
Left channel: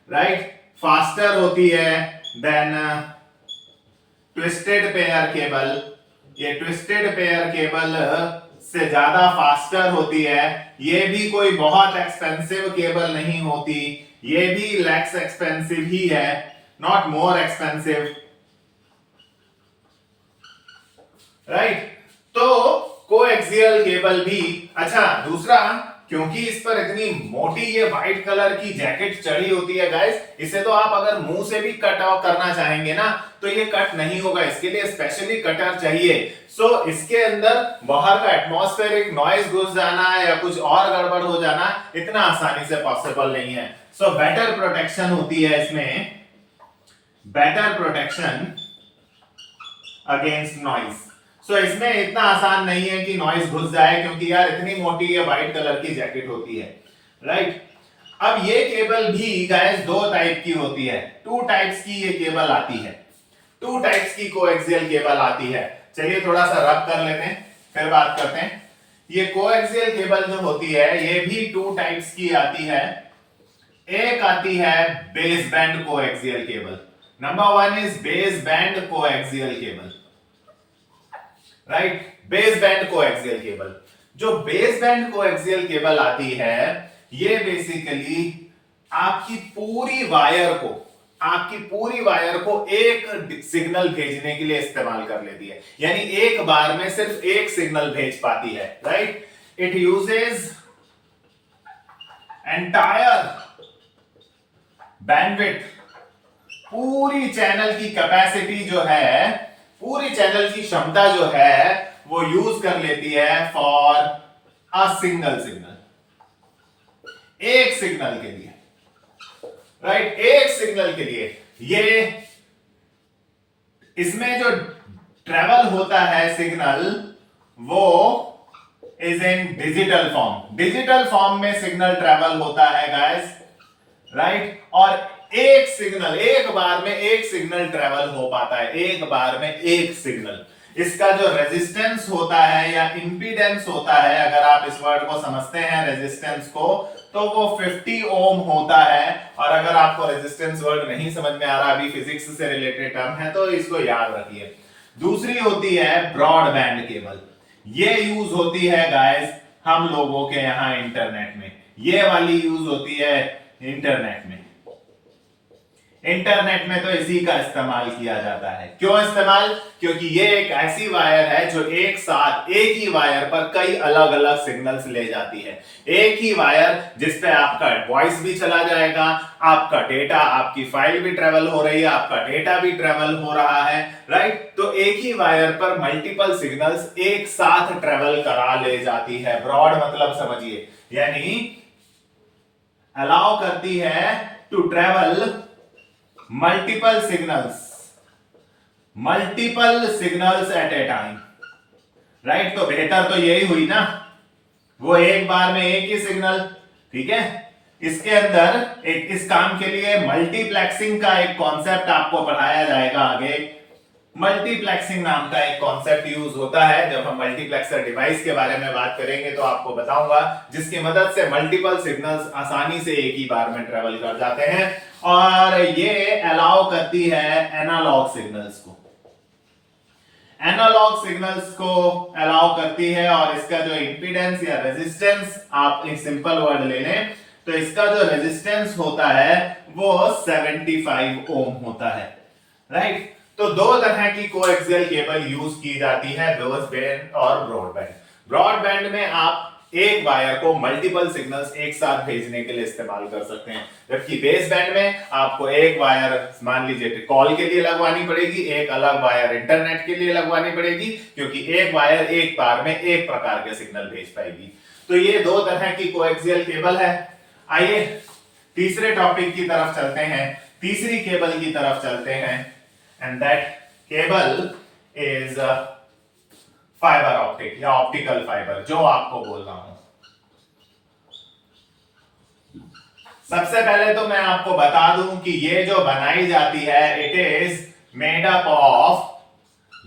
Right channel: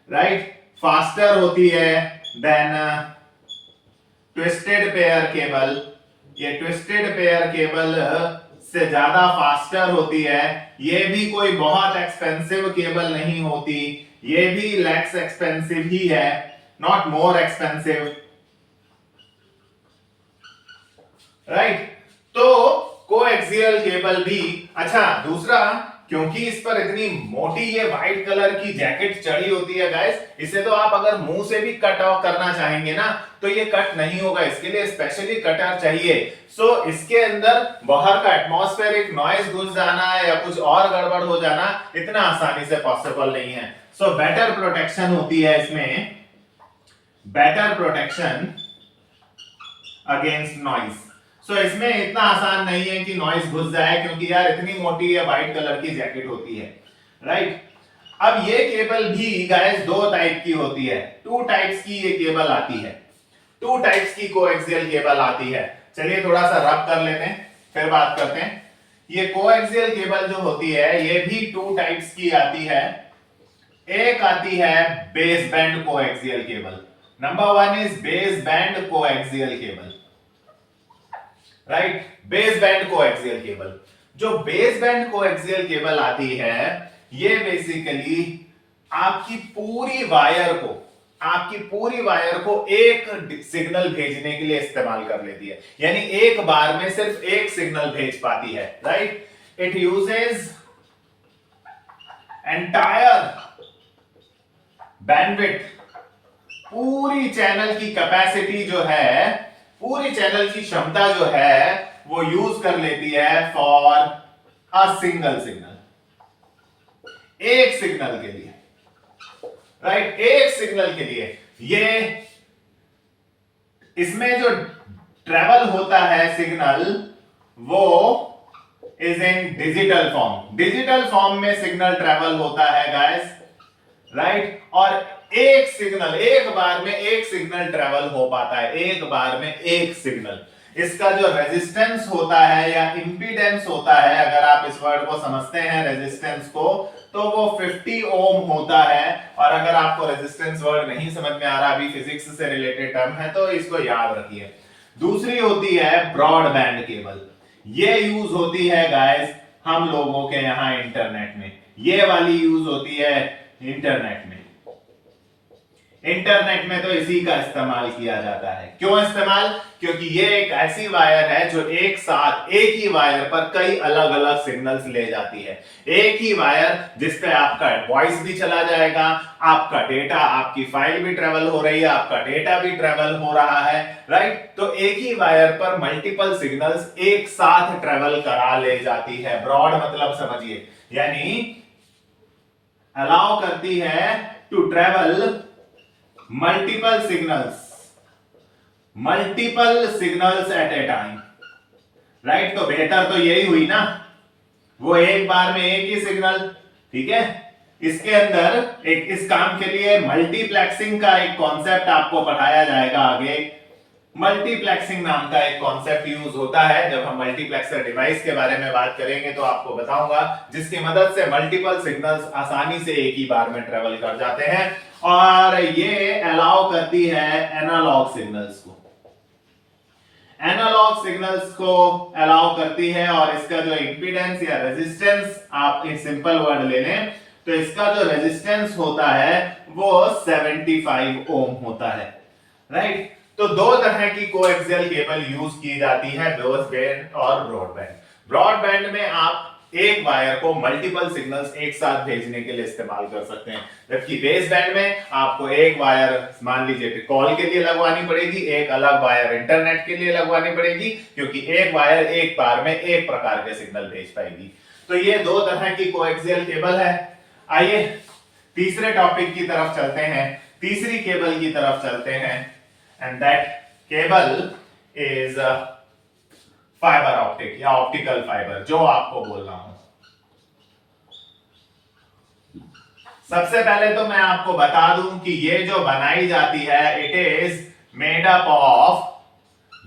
राइट, फास्टर होती है देन ट्विस्टेड पेयर केबल। ये ट्विस्टेड पेयर केबल से ज्यादा फास्टर होती है। ये भी कोई बहुत एक्सपेंसिव केबल नहीं होती, ये भी लेस एक्सपेंसिव ही है, नॉट मोर एक्सपेंसिव। राइट। तो कोएक्सियल केबल भी अच्छा। दूसरा, क्योंकि इस पर इतनी मोटी ये व्हाइट कलर की जैकेट चढ़ी होती है गाइस, इसे तो आप अगर मुंह से भी कट ऑफ करना चाहेंगे ना तो ये कट नहीं होगा, इसके लिए स्पेशली कटर चाहिए। सो इसके अंदर बाहर का एटमॉस्फेरिक नॉइज घुस जाना या कुछ और गड़बड़ हो जाना इतना आसानी से पॉसिबल नहीं है। सो बेटर प्रोटेक्शन होती है इसमें, बेटर प्रोटेक्शन अगेंस्ट नॉइज। सो इसमें इतना आसान नहीं है कि नॉइज घुस जाए, क्योंकि यार इतनी मोटी या व्हाइट कलर की जैकेट होती है, राइट। अब ये केबल भी गाइस दो टाइप की होती है, टू टाइप्स की ये केबल आती है, टू टाइप्स की कोएक्सियल केबल आती है। चलिए थोड़ा सा रब कर लेते हैं फिर बात करते हैं। ये कोएक्सियल केबल जो होती है ये भी टू टाइप्स की आती है। एक आती है base band coaxial cable. Number one is base band coaxial cable, right. Base band coaxial cable, जो बेस बैंड कोएक्सियल केबल आती है ये बेसिकली आपकी पूरी वायर को एक सिग्नल भेजने के लिए इस्तेमाल कर लेती है, यानी एक बार में सिर्फ एक सिग्नल भेज पाती है, right. It uses entire bandwidth, पूरी चैनल की कैपेसिटी जो है, पूरी चैनल की क्षमता जो है वो यूज कर लेती है फॉर अ सिंगल सिग्नल, एक सिग्नल के लिए, राइट। एक सिग्नल के लिए ये इसमें जो ट्रेवल होता है सिग्नल वो is in digital form, digital form में सिग्नल ट्रेवल होता है गाइस, राइट। और एक सिग्नल, एक बार में एक सिग्नल ट्रेवल हो पाता है, एक बार में एक सिग्नल। इसका जो रेजिस्टेंस होता है या इंपीडेंस होता है, अगर आप इस वर्ड को समझते हैं रेजिस्टेंस को, तो वो 50 ओम होता है। और अगर आपको रेजिस्टेंस वर्ड नहीं समझ में आ रहा, अभी फिजिक्स से रिलेटेड टर्म है, तो इसको याद रखिए। दूसरी होती है ब्रॉडबैंड केबल, ये यूज होती है गाइस हम लोगों के यहां इंटरनेट में, ये वाली यूज होती है इंटरनेट में। इंटरनेट में तो इसी का इस्तेमाल किया जाता है। क्यों इस्तेमाल? क्योंकि ये एक ऐसी वायर है जो एक साथ एक ही वायर पर कई अलग अलग सिग्नल्स ले जाती है। एक ही वायर जिस पे आपका वॉइस भी चला जाएगा, आपका डेटा, आपकी फाइल भी ट्रेवल हो रही है, आपका डेटा भी ट्रेवल हो रहा है, राइट। तो एक ही वायर पर मल्टीपल सिग्नल्स एक साथ ट्रेवल करा ले जाती है। ब्रॉड मतलब समझिए, यानी अलाउ करती है to travel multiple signals at a time, right. तो बेहतर तो यही हुई ना, वो एक बार में एक ही सिग्नल, ठीक है। इसके अंदर एक इस काम के लिए मल्टीप्लेक्सिंग का एक कॉन्सेप्ट आपको पढ़ाया जाएगा आगे। मल्टीप्लेक्सिंग नाम का एक कॉन्सेप्ट यूज होता है, जब हम मल्टीप्लेक्सर डिवाइस के बारे में बात करेंगे तो आपको बताऊंगा, जिसकी मदद से मल्टीपल सिग्नल्स आसानी से एक ही बार में ट्रेवल कर जाते हैं। और ये अलाउ करती है एनालॉग सिग्नल्स को, एनालॉग सिग्नल्स को अलाउ करती है। और इसका जो इंपीडेंस या रेजिस्टेंस, आप एक सिंपल वर्ड ले लें तो इसका जो रेजिस्टेंस होता है वो 75 ओम होता है, राइट। तो दो तरह की कोएक्सियल केबल यूज की जाती है, बेस बैंड और ब्रॉडबैंड। ब्रॉडबैंड में आप एक वायर को मल्टीपल सिग्नल्स एक साथ भेजने के लिए इस्तेमाल कर सकते हैं, जबकि बेस बैंड में आपको एक वायर मान लीजिए कॉल के लिए लगवानी पड़ेगी, एक अलग वायर इंटरनेट के लिए लगवानी पड़ेगी, क्योंकि एक वायर एक बार में एक प्रकार के सिग्नल भेज पाएगी। तो ये दो तरह की कोएक्सियल केबल है। आइए तीसरे टॉपिक की तरफ चलते हैं, तीसरी केबल की तरफ चलते हैं, and that cable is fibre optic या ऑप्टिकल फाइबर, जो आपको बोल रहा हूं। सबसे पहले तो मैं आपको बता दूं कि ये जो बनाई जाती है it is made up of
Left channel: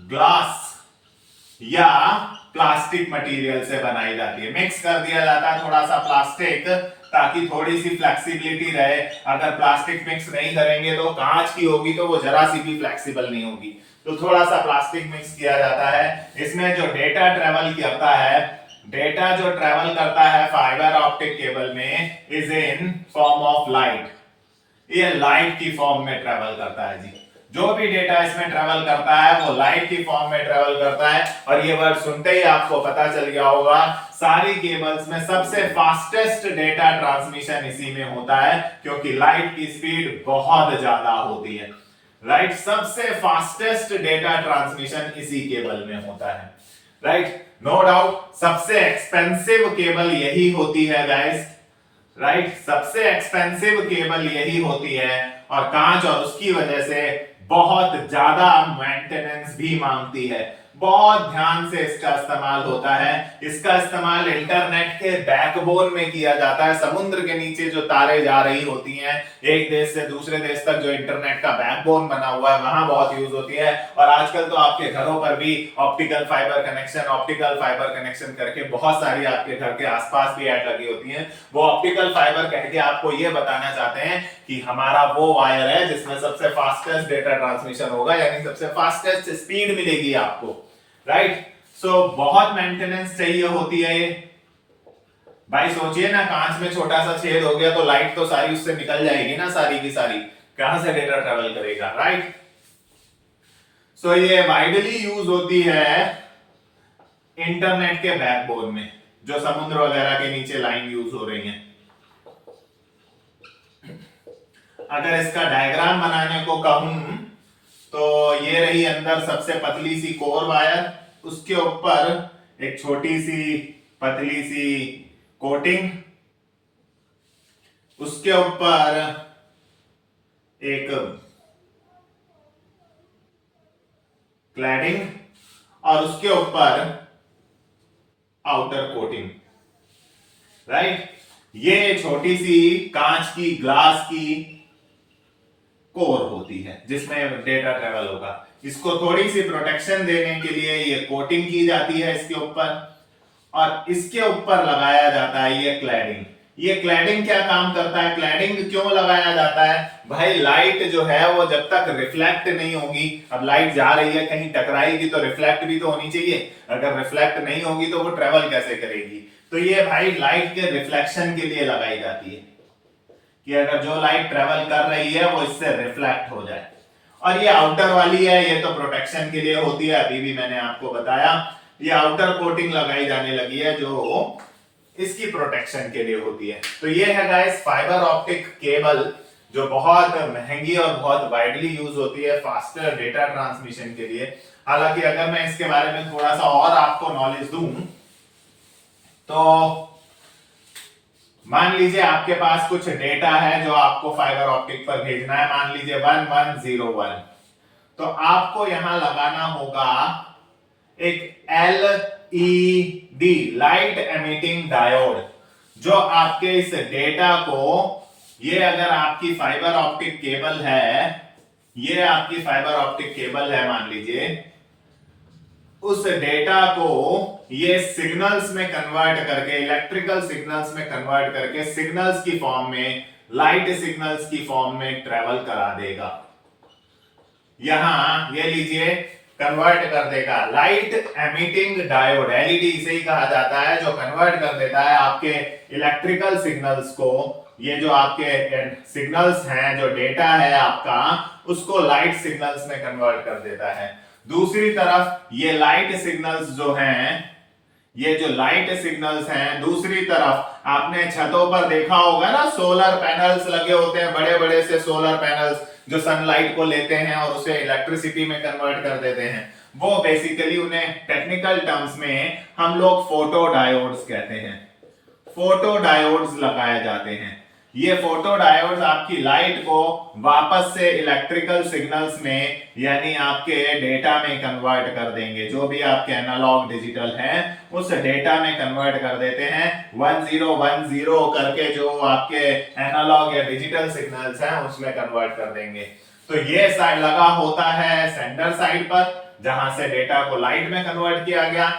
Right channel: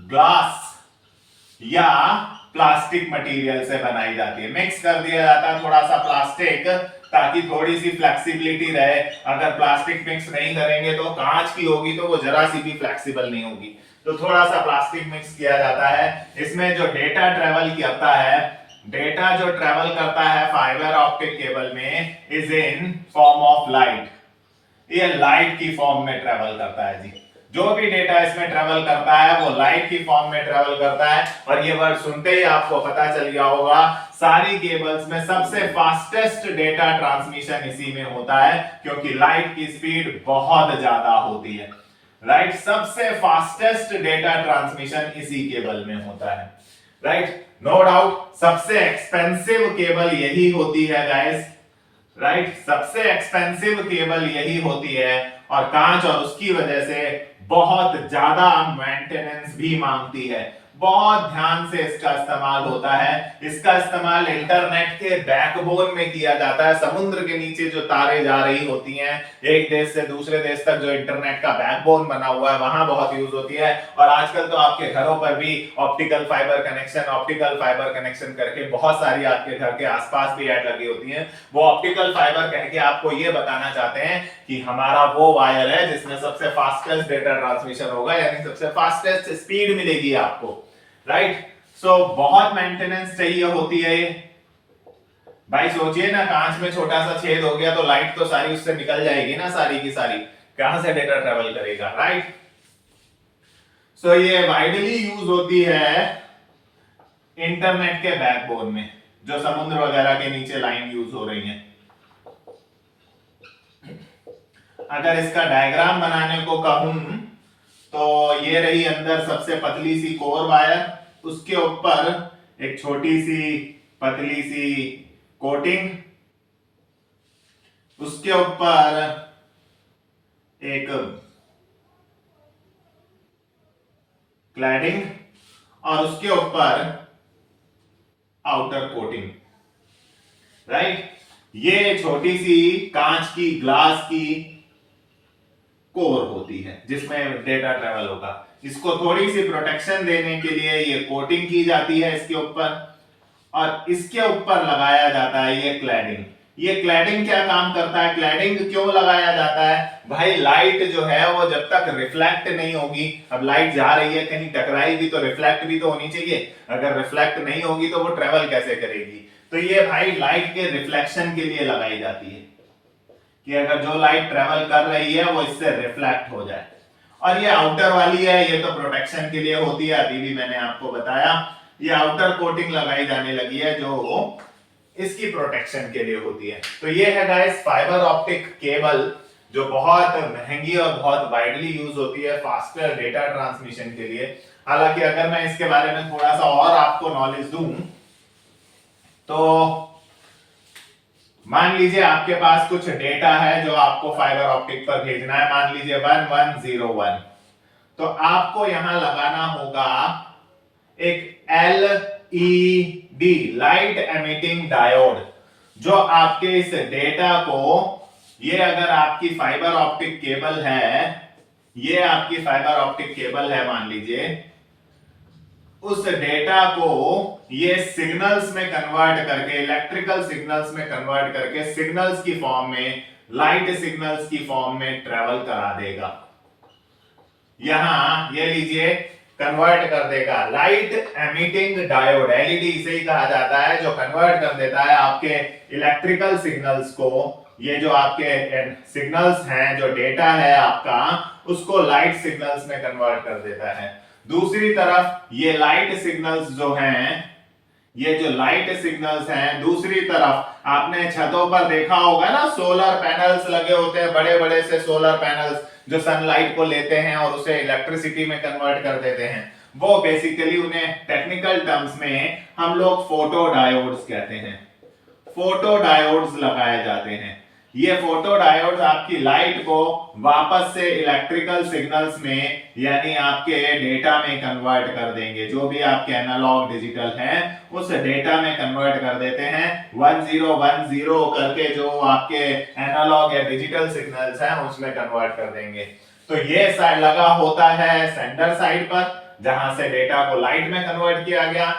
glass या प्लास्टिक मटेरियल से बनाई जाती है। मिक्स कर दिया जाता है थोड़ा सा प्लास्टिक, ताकि थोड़ी सी फ्लेक्सिबिलिटी रहे। अगर प्लास्टिक मिक्स नहीं करेंगे तो कांच की होगी तो वो जरा सी भी फ्लेक्सिबल नहीं होगी, तो थोड़ा सा प्लास्टिक मिक्स किया जाता है। इसमें जो डेटा ट्रेवल करता है, डेटा जो ट्रेवल करता है फाइबर ऑप्टिक केबल में is in form of light, ये लाइट की फॉर्म में ट्रेवल करता है जी। जो भी डेटा इसमें ट्रेवल करता है वो लाइट की फॉर्म में ट्रेवल करता है। और ये वर्ड सुनते ही आपको पता चल गया होगा, सारी केबल्स में सबसे फास्टेस्ट डेटा ट्रांसमिशन इसी में होता है, क्योंकि लाइट की स्पीड बहुत ज्यादा होती है। राइट, सबसे फास्टेस्ट डेटा ट्रांसमिशन इसी केबल में होता है। राइट, नो डाउट सबसे एक्सपेंसिव केबल यही होती है गाइस। राइट, सबसे एक्सपेंसिव केबल यही होती है, और कांच, और उसकी वजह से बहुत ज्यादा मेंटेनेंस भी मांगती है, बहुत ध्यान से इसका इस्तेमाल होता है। इसका इस्तेमाल इंटरनेट के बैकबोन में किया जाता है। समुद्र के नीचे जो तारे जा रही होती हैं एक देश से दूसरे देश तक, जो इंटरनेट का बैकबोन बना हुआ है, वहां बहुत यूज होती है। और आजकल तो आपके घरों पर भी ऑप्टिकल फाइबर कनेक्शन करके बहुत सारी आपके घर के आसपास भी ऐड लगी होती है। वो ऑप्टिकल फाइबर कह के आपको ये बताना चाहते हैं कि हमारा वो वायर है जिसमें सबसे फास्टेस्ट डेटा ट्रांसमिशन होगा, यानी सबसे फास्टेस्ट स्पीड मिलेगी आपको। राइट, सो बहुत मेंटेनेंस चाहिए होती है ये। भाई सोचिए ना, कांच में छोटा सा छेद हो गया तो लाइट तो सारी उससे निकल जाएगी ना, सारी की सारी, कहां से डेटा ट्रेवल करेगा। राइट, सो ये वाइडली यूज होती है इंटरनेट के बैकबोन में, जो समुद्र वगैरह के नीचे लाइन यूज हो रही है। अगर इसका डायग्राम बनाने को कहूं तो ये रही अंदर सबसे पतली सी कोर वायर, उसके ऊपर एक छोटी सी पतली सी कोटिंग, उसके ऊपर एक क्लैडिंग, और उसके ऊपर आउटर कोटिंग। राइट, ये छोटी सी कांच की, ग्लास की कोर होती है जिसमें डेटा ट्रेवल होगा। इसको थोड़ी सी प्रोटेक्शन देने के लिए ये कोटिंग की जाती है इसके ऊपर, और इसके ऊपर लगाया जाता है ये क्लैडिंग। ये क्लैडिंग क्या काम करता है, क्लैडिंग क्यों लगाया जाता है? भाई लाइट जो है वो जब तक रिफ्लेक्ट नहीं होगी, अब लाइट जा रही है कहीं टकराएगी तो रिफ्लेक्ट भी तो होनी चाहिए, अगर रिफ्लेक्ट नहीं होगी तो वो ट्रेवल कैसे करेगी? तो ये भाई लाइट के रिफ्लेक्शन के लिए लगाई जाती है, कि अगर जो लाइट ट्रेवल कर रही है वो इससे रिफ्लेक्ट हो जाए। और ये आउटर वाली है, ये तो प्रोटेक्शन के लिए होती है, अभी भी मैंने आपको बताया। ये आउटर कोटिंग लगाई जाने लगी है जो इसकी प्रोटेक्शन के लिए होती है। तो ये है गाइस फाइबर ऑप्टिक केबल, जो बहुत महंगी और बहुत वाइडली यूज होती है फास्टर डेटा ट्रांसमिशन के लिए। हालांकि अगर मैं इसके बारे में थोड़ा सा और आपको नॉलेज दूं तो मान लीजिए आपके पास कुछ डेटा है जो आपको फाइबर ऑप्टिक पर भेजना है, मान लीजिए 1101, तो आपको यहां लगाना होगा एक LED लाइट एमिटिंग डायोड, जो आपके इस डेटा को, ये अगर आपकी फाइबर ऑप्टिक केबल है, ये आपकी फाइबर ऑप्टिक केबल है मान लीजिए, उस डेटा को ये सिग्नल्स में कन्वर्ट करके, इलेक्ट्रिकल सिग्नल्स में कन्वर्ट करके सिग्नल्स की फॉर्म में, लाइट सिग्नल्स की फॉर्म में ट्रेवल करा देगा। यहां ये लीजिए कन्वर्ट कर देगा। लाइट एमिटिंग डायोड, एलईडी इसे ही कहा जाता है, जो कन्वर्ट कर देता है आपके इलेक्ट्रिकल सिग्नल्स को, ये जो आपके सिग्नल्स हैं, जो डेटा है आपका, उसको लाइट सिग्नल्स में कन्वर्ट कर देता है। दूसरी तरफ ये लाइट सिग्नल्स जो हैं, ये जो लाइट सिग्नल्स हैं, दूसरी तरफ आपने छतों पर देखा होगा ना, सोलर पैनल्स लगे होते हैं, बड़े बड़े से सोलर पैनल्स जो सनलाइट को लेते हैं और उसे इलेक्ट्रिसिटी में कन्वर्ट कर देते हैं। वो बेसिकली उन्हें टेक्निकल टर्म्स में हम लोग फोटो डायोड्स कहते हैं। फोटो डायोड्स लगाए जाते हैं। ये फोटो डायोड्स आपकी लाइट को वापस से इलेक्ट्रिकल सिग्नल्स में, यानी आपके डेटा में कन्वर्ट कर देंगे। जो भी आपके एनालॉग डिजिटल हैं उस डेटा में कन्वर्ट कर देते हैं। 1010 करके जो आपके एनालॉग या डिजिटल सिग्नल्स हैं उसमें कन्वर्ट कर देंगे। तो ये साइड लगा होता है सेंडर साइड पर, जहां से डेटा को लाइट में कन्वर्ट किया गया,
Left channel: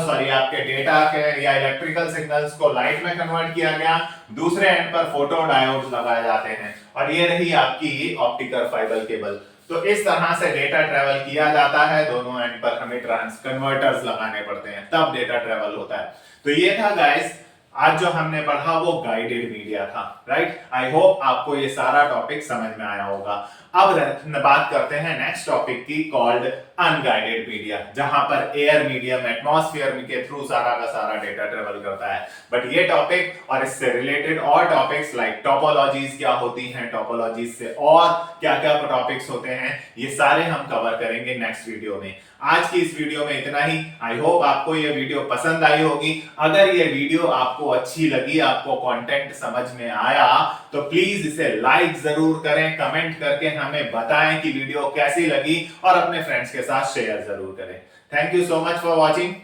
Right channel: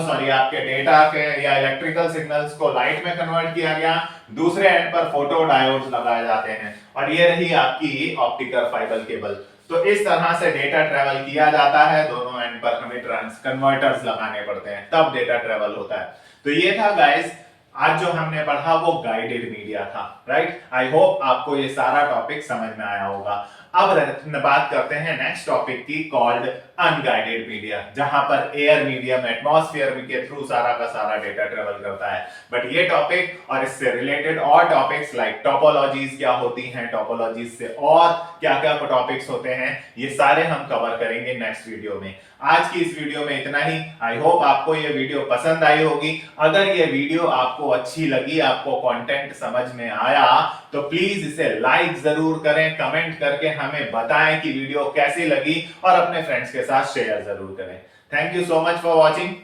सॉरी आपके डेटा के या इलेक्ट्रिकल सिग्नल्स को लाइट में कन्वर्ट किया गया। दूसरे एंड पर फोटो डायोड्स लगाए जाते हैं, और ये रही आपकी ऑप्टिकल फाइबर केबल। तो इस तरह से डेटा ट्रेवल किया जाता है, दोनों एंड पर हमें कन्वर्टर्स लगाने पड़ते हैं, तब डेटा ट्रेवल होता है। तो ये था गाइस आज जो हमने पढ़ा वो गाइडेड मीडिया था। राइट, आई होप आपको ये सारा टॉपिक समझ में आया होगा। अब बात करते हैं नेक्स्ट टॉपिक की, कॉल्ड अनगाइडेड मीडिया, जहां पर एयर मीडियम एटमॉस्फेयर के थ्रू सारा का सारा डेटा ट्रेवल करता है। बट ये टॉपिक और इससे रिलेटेड और टॉपिक्स लाइक टोपोलॉजीज क्या होती हैं, टोपोलॉजीज से और क्या क्या टॉपिक्स होते हैं, ये सारे हम कवर करेंगे नेक्स्ट वीडियो में। आज की इस वीडियो में इतना ही। आई होप आपको ये वीडियो पसंद आई होगी। अगर ये वीडियो आपको अच्छी लगी, आपको कंटेंट समझ में आया, तो प्लीज इसे लाइक जरूर करें, कमेंट करके हमें बताएं कि वीडियो कैसी लगी और अपने फ्रेंड्स के साथ शेयर जरूर करें। Thank you so much for watching.